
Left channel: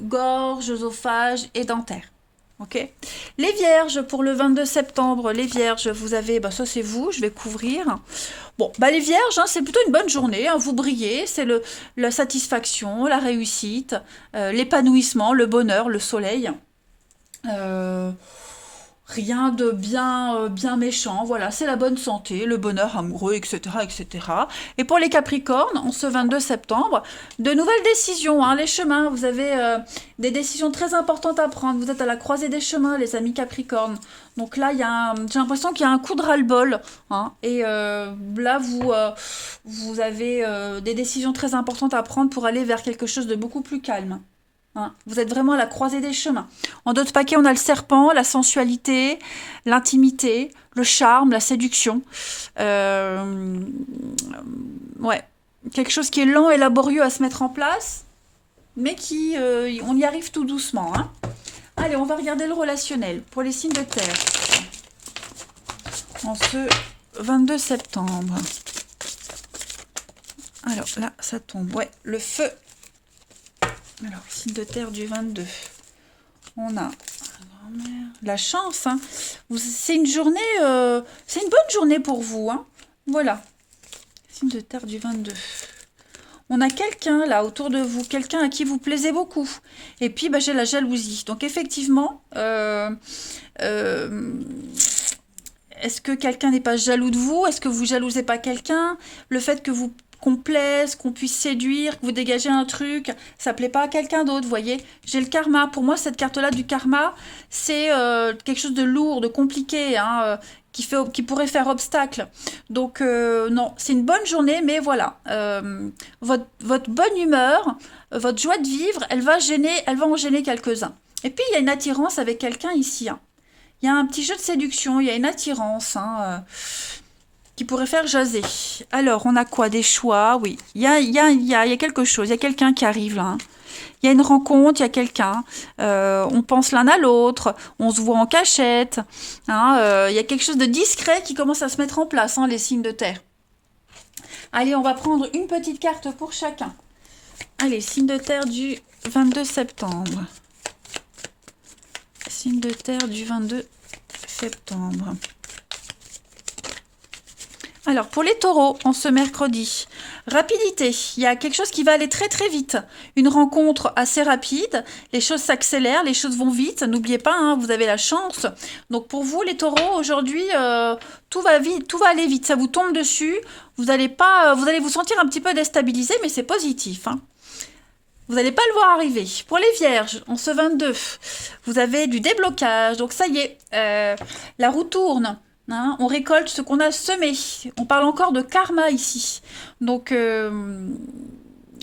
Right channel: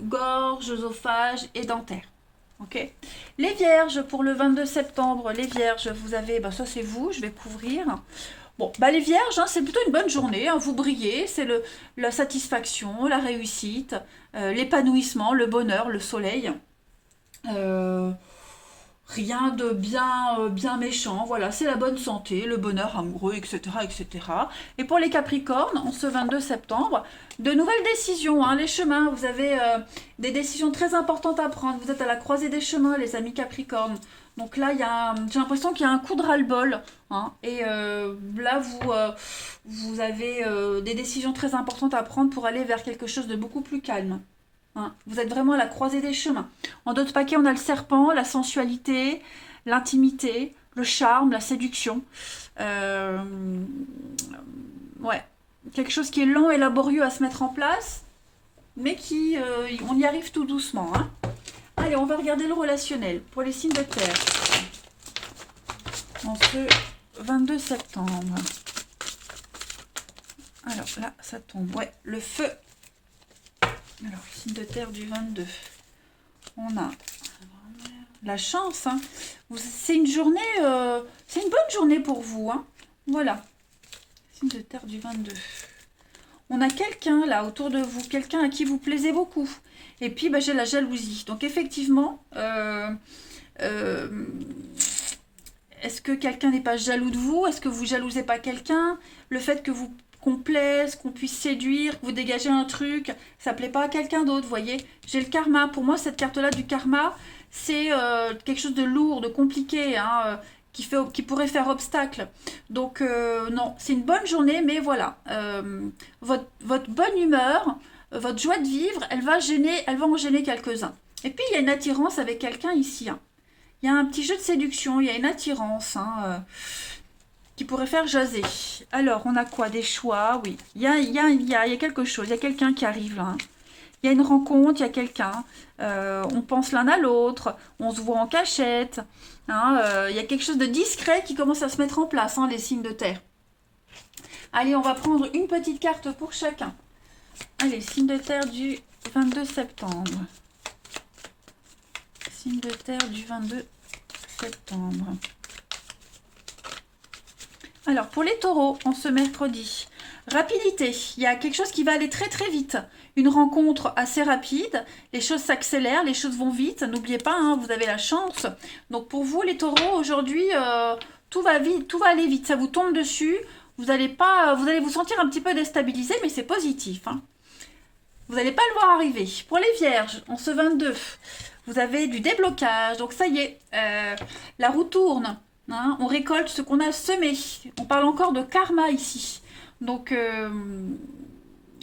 gorge, œsophage et dentaire. Ok. Les vierges, pour le 22 septembre, les vierges, vous avez, ça c'est vous, je vais couvrir. Bon, les vierges, hein, c'est plutôt une bonne journée, hein, vous brillez, c'est la satisfaction, la réussite, l'épanouissement, le bonheur, le soleil. Rien de bien méchant, voilà, c'est la bonne santé, le bonheur amoureux, etc., etc. Et pour les Capricornes, en ce 22 septembre, de nouvelles décisions, hein, les chemins, vous avez des décisions très importantes à prendre, vous êtes à la croisée des chemins, les amis Capricornes. Donc là, j'ai l'impression qu'il y a un coup de ras-le-bol, hein, et là, vous avez des décisions très importantes à prendre pour aller vers quelque chose de beaucoup plus calme. Hein, vous êtes vraiment à la croisée des chemins. En d'autres paquets, on a le serpent, la sensualité, l'intimité, le charme, la séduction. Ouais. quelque chose qui est lent et laborieux à se mettre en place, mais on y arrive tout doucement, hein. Allez, on va regarder le relationnel pour les signes de terre en ce 22 septembre. Alors là, ça tombe. Ouais, le feu. Alors, signe de terre du 22. On a la chance, hein. C'est une journée, c'est une bonne journée pour vous, hein. Voilà. Signe de terre du 22. On a quelqu'un là autour de vous, quelqu'un à qui vous plaisez beaucoup. Et puis bah, j'ai la jalousie. Donc effectivement, est-ce que quelqu'un n'est pas jaloux de vous? Est-ce que vous jalousez pas quelqu'un? Le fait que vous qu'on plaise, qu'on puisse séduire, que vous dégagez un truc, ça plaît pas à quelqu'un d'autre, vous voyez. J'ai le karma. Pour moi, cette carte-là du karma, c'est quelque chose de lourd, de compliqué, hein, qui pourrait faire obstacle. Donc, non, c'est une bonne journée, mais voilà. Votre bonne humeur, votre joie de vivre, elle va en gêner quelques-uns. Et puis, il y a une attirance avec quelqu'un ici, hein. Il y a un petit jeu de séduction, il y a une attirance, hein, qui pourrait faire jaser. Alors, on a quoi? Des choix, oui. Il y a quelque chose, il y a quelqu'un qui arrive là, hein. Il y a une rencontre, il y a quelqu'un. On pense l'un à l'autre, on se voit en cachette, hein, il y a quelque chose de discret qui commence à se mettre en place, hein, les signes de terre. Allez, on va prendre une petite carte pour chacun. Allez, signe de terre du 22 septembre. Signe de terre du 22 septembre. Alors, pour les taureaux, en ce mercredi, rapidité, il y a quelque chose qui va aller très très vite. Une rencontre assez rapide, les choses s'accélèrent, les choses vont vite. N'oubliez pas, hein, vous avez la chance. Donc pour vous, les taureaux, aujourd'hui, tout va vite, tout va aller vite. Ça vous tombe dessus. Vous allez vous sentir un petit peu déstabilisé, mais c'est positif, hein. Vous n'allez pas le voir arriver. Pour les vierges, en ce 22, vous avez du déblocage. Donc ça y est, la roue tourne. Hein, on récolte ce qu'on a semé. On parle encore de karma ici. Donc,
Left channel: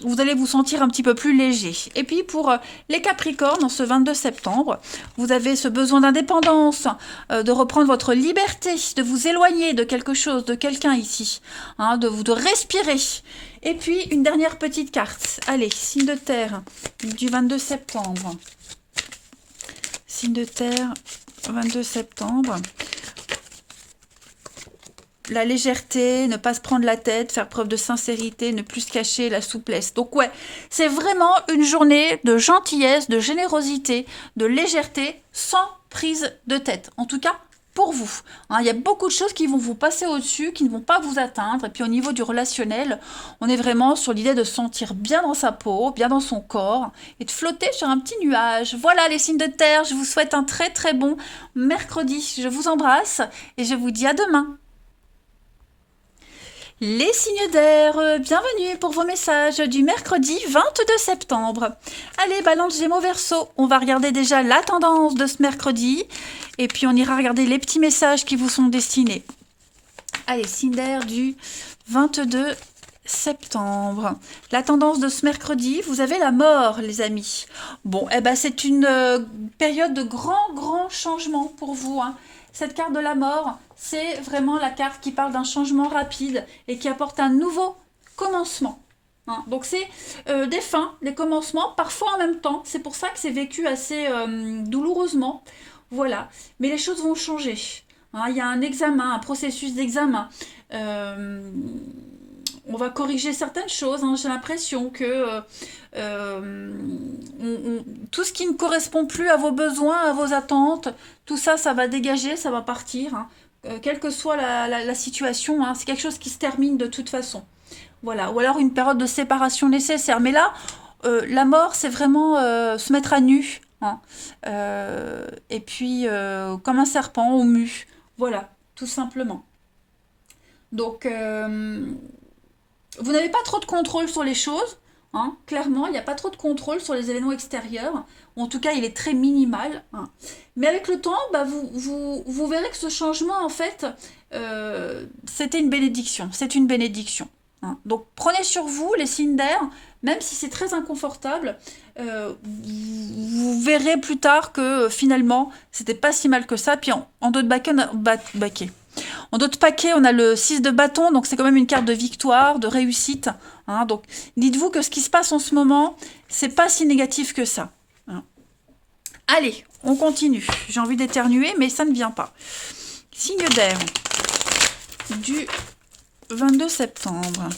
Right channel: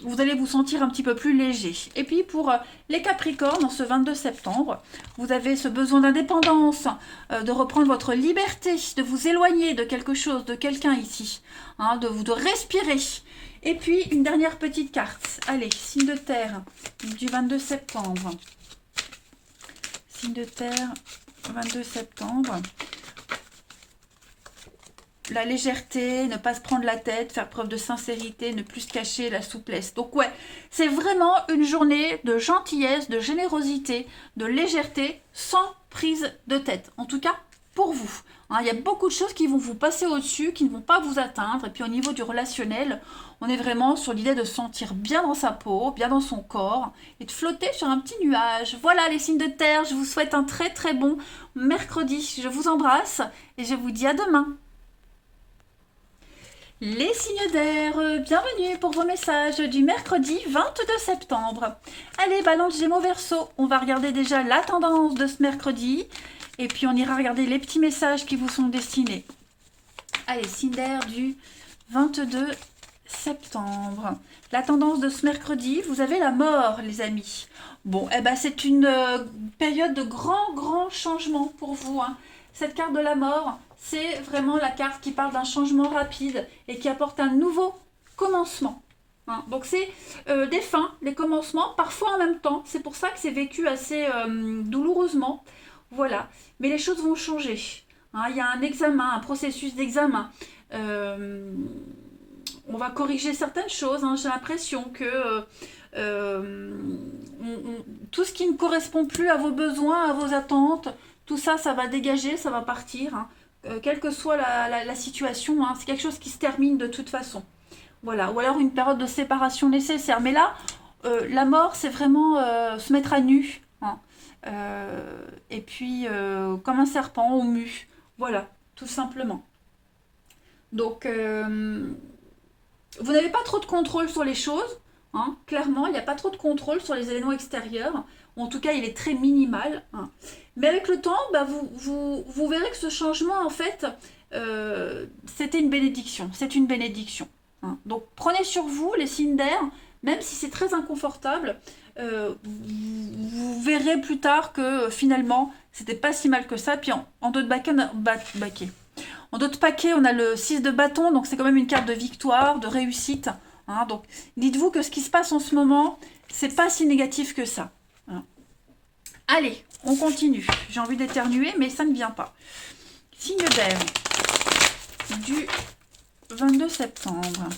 vous allez vous sentir un petit peu plus léger. Et puis, pour les capricornes, en ce 22 septembre, vous avez ce besoin d'indépendance, de reprendre votre liberté, de vous éloigner de quelque chose, de quelqu'un ici, hein, de respirer. Et puis, une dernière petite carte. Allez, signe de terre du 22 septembre. Signe de terre, 22 septembre. La légèreté, ne pas se prendre la tête, faire preuve de sincérité, ne plus se cacher, la souplesse. Donc ouais, c'est vraiment une journée de gentillesse, de générosité, de légèreté, sans prise de tête. En tout cas, pour vous. Hein, il y a beaucoup de choses qui vont vous passer au-dessus, qui ne vont pas vous atteindre. Et puis au niveau du relationnel, on est vraiment sur l'idée de se sentir bien dans sa peau, bien dans son corps, et de flotter sur un petit nuage. Voilà les signes de terre, je vous souhaite un très très bon mercredi. Je vous embrasse et je vous dis à demain. Les signes d'air, bienvenue pour vos messages du mercredi 22 septembre. Allez, Balance Gémeaux Verseau, on va regarder déjà la tendance de ce mercredi et puis on ira regarder les petits messages qui vous sont destinés. Allez, signe d'air du 22 septembre. La tendance de ce mercredi, vous avez la mort, les amis. Bon, eh ben, c'est une période de grand changement pour vous, hein. Cette carte de la mort, c'est vraiment la carte qui parle d'un changement rapide et qui apporte un nouveau commencement. Hein. Donc c'est des fins, des commencements, parfois en même temps. C'est pour ça que c'est vécu assez douloureusement. Voilà. Mais les choses vont changer. Hein, il y a un examen, un processus d'examen. On va corriger certaines choses. Hein. J'ai l'impression que tout ce qui ne correspond plus à vos besoins, à vos attentes, tout ça, ça va dégager, ça va partir. Hein. Quelle que soit la situation, hein, c'est quelque chose qui se termine de toute façon. Voilà. Ou alors une période de séparation nécessaire. Mais là, la mort, c'est vraiment se mettre à nu. Hein. Et puis, comme un serpent au mu. Voilà, tout simplement. Donc, vous n'avez pas trop de contrôle sur les choses. Hein. Clairement, il n'y a pas trop de contrôle sur les événements extérieurs. En tout cas, il est très minimal. Hein. Mais avec le temps, bah, vous verrez que ce changement, en fait, c'était une bénédiction. C'est une bénédiction. Hein. Donc, prenez sur vous les signes d'air, même si c'est très inconfortable. Vous verrez plus tard que finalement, c'était pas si mal que ça. Puis en dos de baquet. En d'autres paquets, on a le 6 de bâton, donc c'est quand même une carte de victoire, de réussite. hein. Donc, dites-vous que ce qui se passe en ce moment, c'est pas si négatif que ça. Hein. Allez, on continue. J'ai envie d'éternuer, mais ça ne vient pas. Signe d'air du 22 septembre.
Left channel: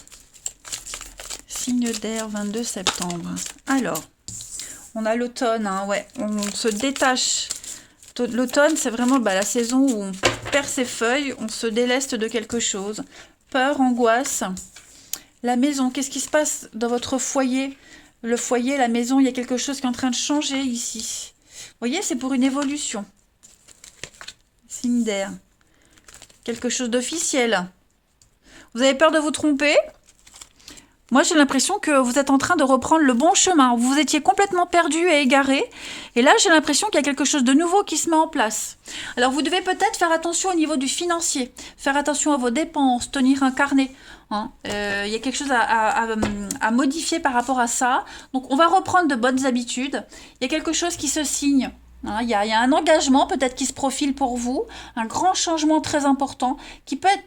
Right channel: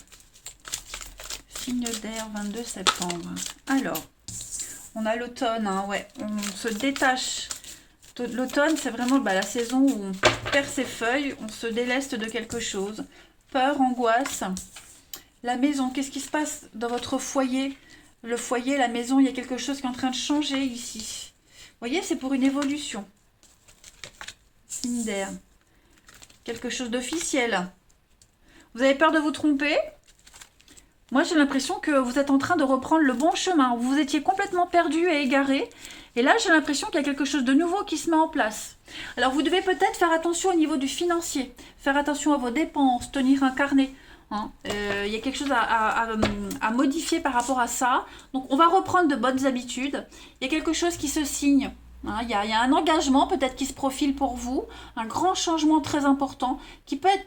Signe d'air 22 septembre. Alors, on a l'automne, hein, ouais. On se détache. L'automne, c'est vraiment la saison où on perd ses feuilles, on se déleste de quelque chose. Peur, angoisse. La maison, qu'est-ce qui se passe dans votre foyer? Le foyer, la maison, il y a quelque chose qui est en train de changer ici. Vous voyez, c'est pour une évolution. Signe d'air. Quelque chose d'officiel. Vous avez peur de vous tromper? Moi, j'ai l'impression que vous êtes en train de reprendre le bon chemin. Vous étiez complètement perdu et égaré. Et là, j'ai l'impression qu'il y a quelque chose de nouveau qui se met en place. Alors, vous devez peut-être faire attention au niveau du financier. Faire attention à vos dépenses, tenir un carnet. Hein. Il y a quelque chose à modifier par rapport à ça. Donc, on va reprendre de bonnes habitudes. Il y a quelque chose qui se signe. Hein. Il y a un engagement peut-être qui se profile pour vous. Un grand changement très important qui peut être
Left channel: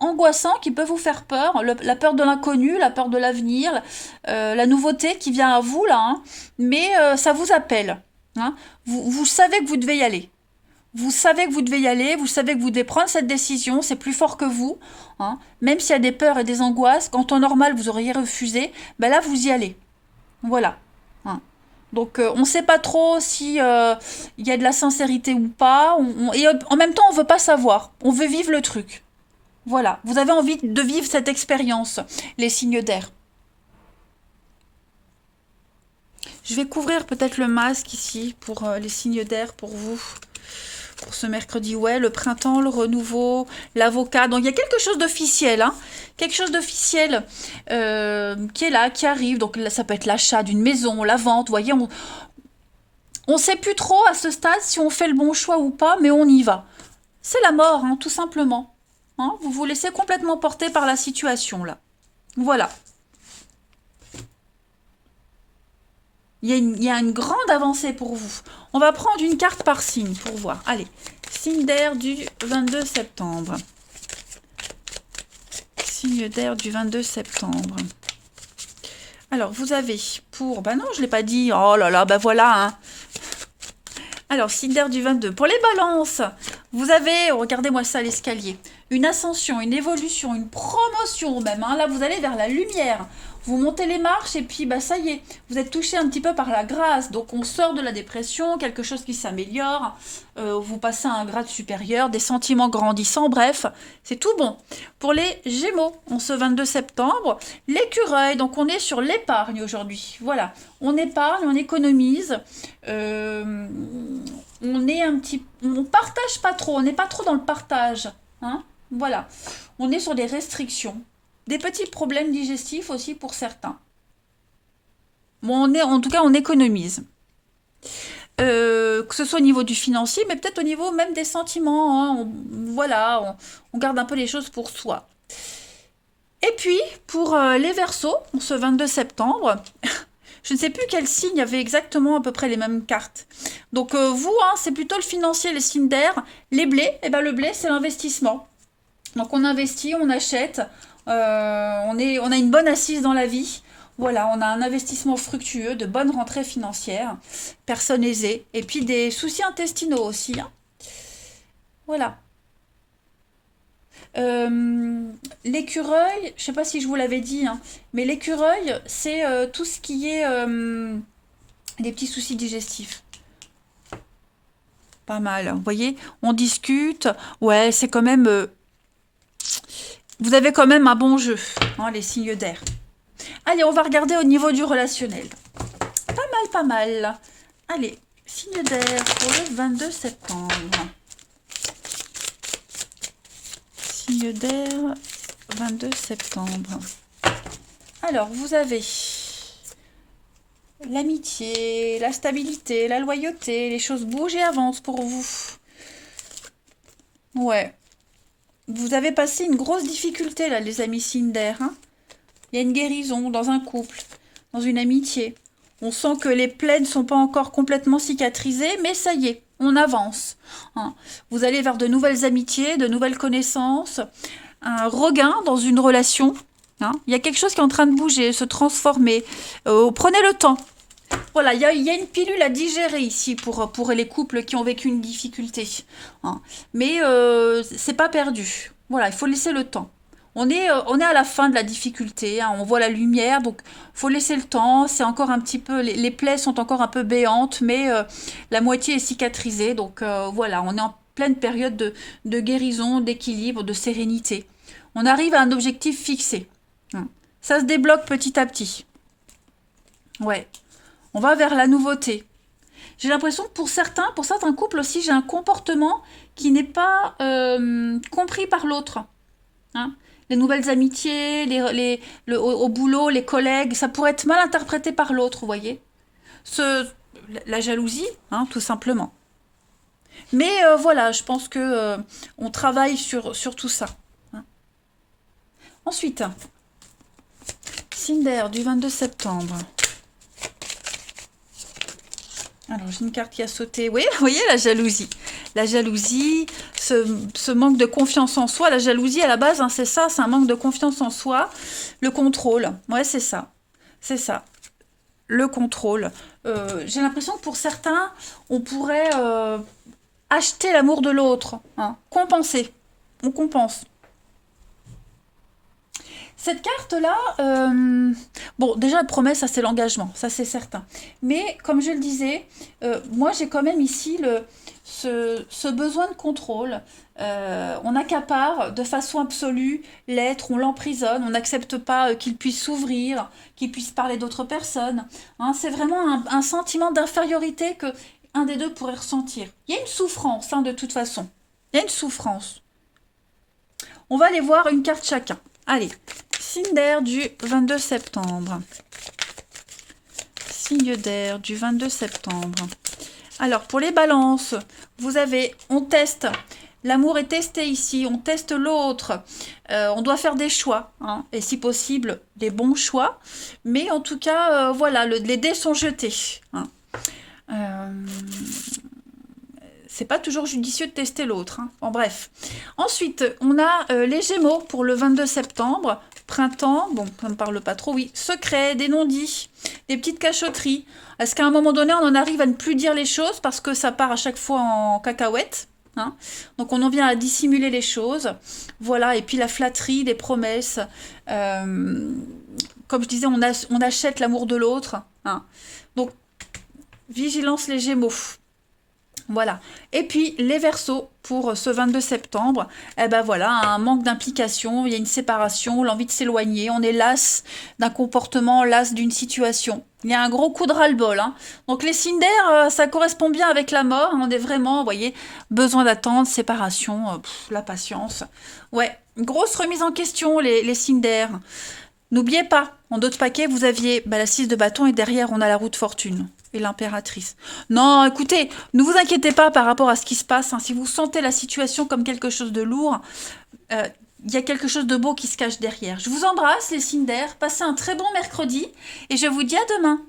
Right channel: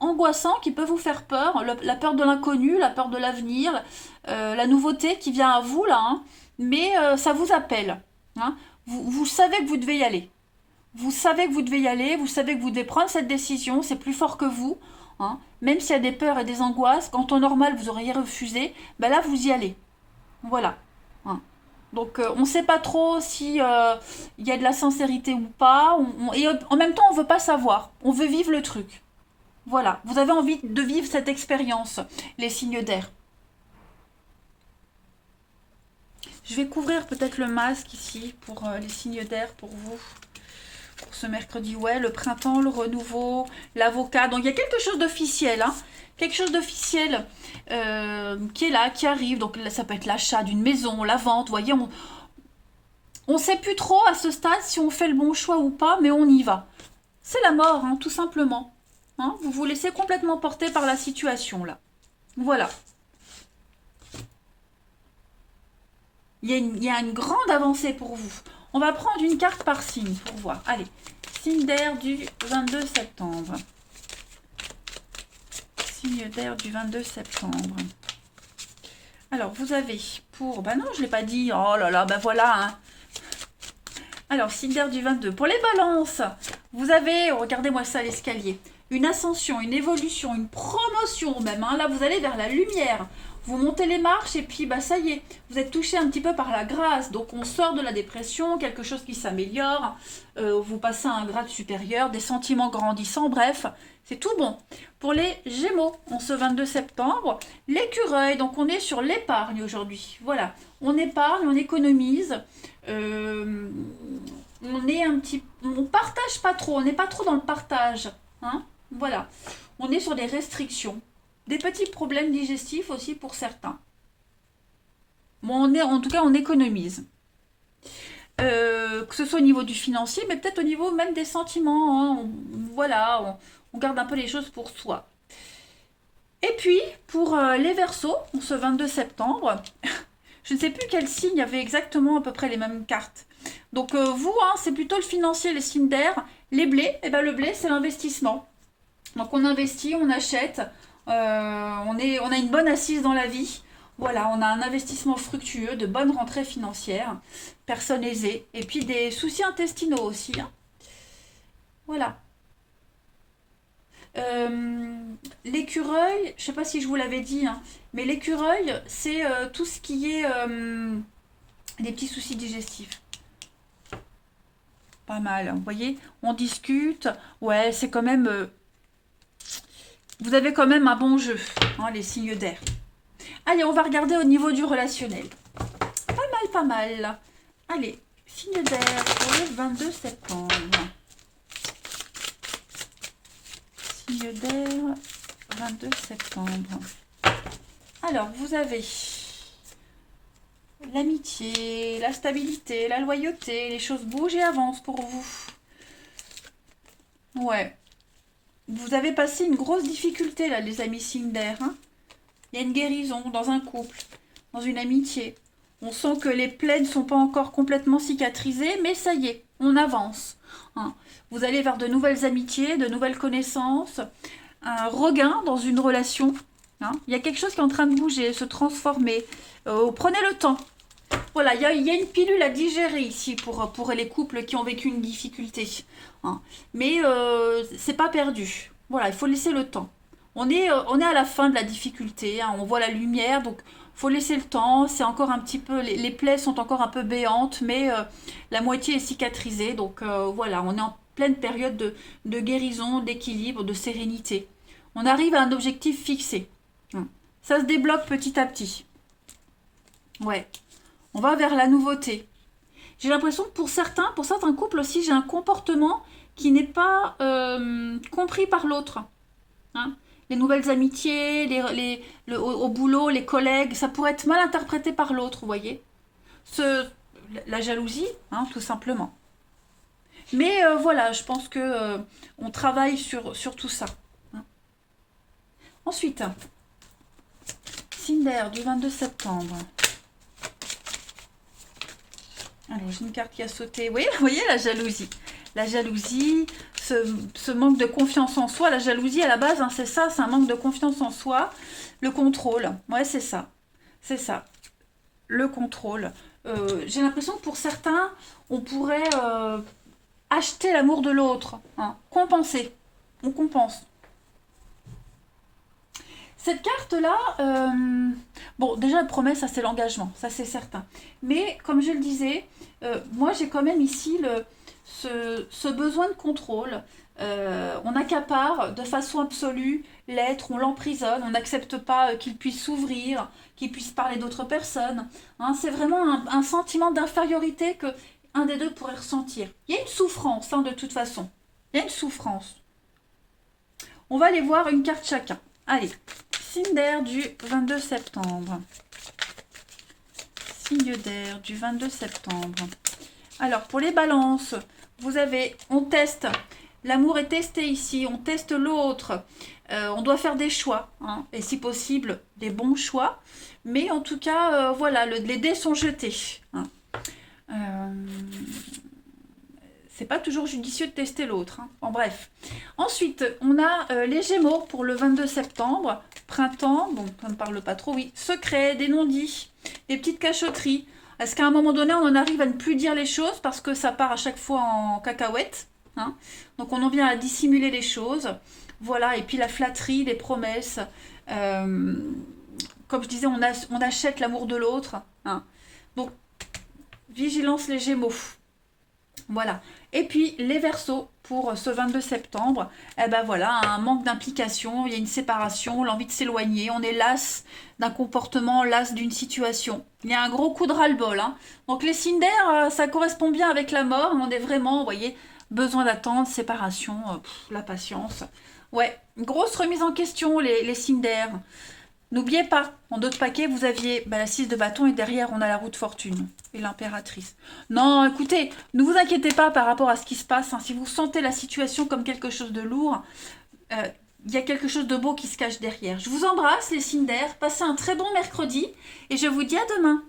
angoissant, qui peut vous faire peur, la peur de l'inconnu, la peur de l'avenir, la nouveauté qui vient à vous là, hein, mais ça vous appelle. Hein. Vous savez que vous devez y aller. Vous savez que vous devez y aller, vous savez que vous devez prendre cette décision, c'est plus fort que vous. Hein. Même s'il y a des peurs et des angoisses, quand en normal vous auriez refusé, ben là vous y allez. Voilà. Hein. Donc on ne sait pas trop si y a de la sincérité ou pas, et en même temps on ne veut pas savoir, on veut vivre le truc. Voilà, vous avez envie de vivre cette expérience, les signes d'air. Je vais couvrir peut-être le masque ici pour les signes d'air pour vous. Pour ce mercredi, ouais, le printemps, le renouveau, l'avocat. Donc il y a quelque chose d'officiel, hein, quelque chose d'officiel qui est là, qui arrive. Donc là, ça peut être l'achat d'une maison, la vente. Vous voyez, on ne sait plus trop à ce stade si on fait le bon choix ou pas, mais on y va. C'est la mort, hein, tout simplement. Hein, vous vous laissez complètement porter par la situation, là. Voilà. Il y a une grande avancée pour vous. On va prendre une carte par signe pour voir. Allez, signe d'air du 22 septembre. Signe d'air du 22 septembre. Alors, vous avez pour... non, je ne l'ai pas dit. Oh là là, voilà, hein. Alors, signe d'air du 22. Pour les balances, vous avez, regardez-moi ça, l'escalier. Une ascension, une évolution, une promotion même. Hein. Là, vous allez vers la lumière. Vous montez les marches et puis, ça y est. Vous êtes touché un petit peu par la grâce. Donc, on sort de la dépression, quelque chose qui s'améliore. Vous passez à un grade supérieur, des sentiments grandissants. Bref, c'est tout bon. Pour les Gémeaux, on ce 22 septembre, l'écureuil. Donc, on est sur l'épargne aujourd'hui. Voilà. On épargne, on économise. On partage pas trop. On n'est pas trop dans le partage. Hein. Voilà. On est sur des restrictions. Des petits problèmes digestifs aussi pour certains. Bon, en tout cas, on économise. Que ce soit au niveau du financier, mais peut-être au niveau même des sentiments. Hein. Voilà, on garde un peu les choses pour soi. Et puis, pour les Verseaux, ce 22 septembre, je ne sais plus quel signe avait exactement à peu près les mêmes cartes. Donc, vous, hein, c'est plutôt le financier, les signes d'air. Les blés, le blé, c'est l'investissement. Donc, on investit, on achète. On a une bonne assise dans la vie. Voilà, on a un investissement fructueux, de bonnes rentrées financières, personne aisée, et puis des soucis intestinaux aussi. Hein. Voilà. L'écureuil, je ne sais pas si je vous l'avais dit, hein, mais l'écureuil, c'est tout ce qui est des petits soucis digestifs. Pas mal, vous voyez, on discute, ouais, c'est quand même... vous avez quand même un bon jeu, hein, les signes d'air. Allez, on va regarder au niveau du relationnel. Pas mal. Allez, signe d'air pour le 22 septembre. Signe d'air, 22 septembre. Alors, vous avez l'amitié, la stabilité, la loyauté, les choses bougent et avancent pour vous. Ouais. Vous avez passé une grosse difficulté, là, les amis signes d'air. Hein. Il y a une guérison dans un couple, dans une amitié. On sent que les plaies ne sont pas encore complètement cicatrisées, mais ça y est, on avance. Hein. Vous allez vers de nouvelles amitiés, de nouvelles connaissances, un regain dans une relation. Hein. Il y a quelque chose qui est en train de bouger, se transformer. Prenez le temps. Voilà, il y a une pilule à digérer ici pour les couples qui ont vécu une difficulté. Hein. Mais c'est pas perdu. Voilà, il faut laisser le temps. On est à la fin de la difficulté, hein, on voit la lumière, donc faut laisser le temps. C'est encore un petit peu, les plaies sont encore un peu béantes, mais la moitié est cicatrisée. Donc voilà, on est en pleine période de guérison, d'équilibre, de sérénité. On arrive à un objectif fixé. Hein. Ça se débloque petit à petit. Ouais. On va vers la nouveauté. J'ai l'impression que pour certains couples aussi, j'ai un comportement qui n'est pas compris par l'autre. Hein. Les nouvelles amitiés, au boulot, les collègues, ça pourrait être mal interprété par l'autre, vous voyez. La jalousie, hein, tout simplement. Mais voilà, je pense que on travaille sur tout ça. Hein. Ensuite, Cinder du 22 septembre. Alors, j'ai une carte qui a sauté. Oui, vous voyez la jalousie. La jalousie, ce manque de confiance en soi. La jalousie, à la base, hein, c'est ça, c'est un manque de confiance en soi. Le contrôle, ouais, c'est ça. C'est ça. Le contrôle. J'ai l'impression que pour certains, on pourrait acheter l'amour de l'autre. Hein, compenser. On compense. Cette carte-là, bon, déjà, la promesse, ça c'est l'engagement, ça c'est certain. Mais comme je le disais, moi j'ai quand même ici ce besoin de contrôle. On accapare de façon absolue l'être, on l'emprisonne, on n'accepte pas qu'il puisse s'ouvrir, qu'il puisse parler d'autres personnes. Hein, c'est vraiment un sentiment d'infériorité que un des deux pourrait ressentir. Il y a une souffrance, hein, de toute façon. Il y a une souffrance. On va aller voir une carte chacun. Allez, signe d'air du 22 septembre. Signe d'air du 22 septembre. Alors, pour les balances, on teste. L'amour est testé ici, on teste l'autre. On doit faire des choix, hein, et si possible, des bons choix. Mais en tout cas, voilà, les dés sont jetés. Hein. C'est pas toujours judicieux de tester l'autre. Hein. Bon, bref. Ensuite, on a les Gémeaux pour le 22 septembre. Printemps, bon, ça ne me parle pas trop, oui. Secret, des non-dits, des petites cachotteries. Est-ce qu'à un moment donné, on en arrive à ne plus dire les choses parce que ça part à chaque fois en cacahuète, hein. Donc, on en vient à dissimuler les choses. Voilà, et puis la flatterie, les promesses. Comme je disais, on achète l'amour de l'autre. Hein. Donc, vigilance les Gémeaux. Voilà. Et puis les Verseaux pour ce 22 septembre, eh ben voilà, un manque d'implication, il y a une séparation, l'envie de s'éloigner, on est las d'un comportement, las d'une situation. Il y a un gros coup de ras-le-bol. Hein. Donc les signes d'air, ça correspond bien avec la mort, on est vraiment, vous voyez, besoin d'attendre, séparation, la patience. Ouais, grosse remise en question les signes d'air. N'oubliez pas, en d'autres paquets, vous aviez la 6 de bâton et derrière, on a la roue de fortune et l'impératrice. Non, écoutez, ne vous inquiétez pas par rapport à ce qui se passe. Hein. Si vous sentez la situation comme quelque chose de lourd, il y a quelque chose de beau qui se cache derrière. Je vous embrasse, les signes d'air. Passez un très bon mercredi et je vous dis à demain.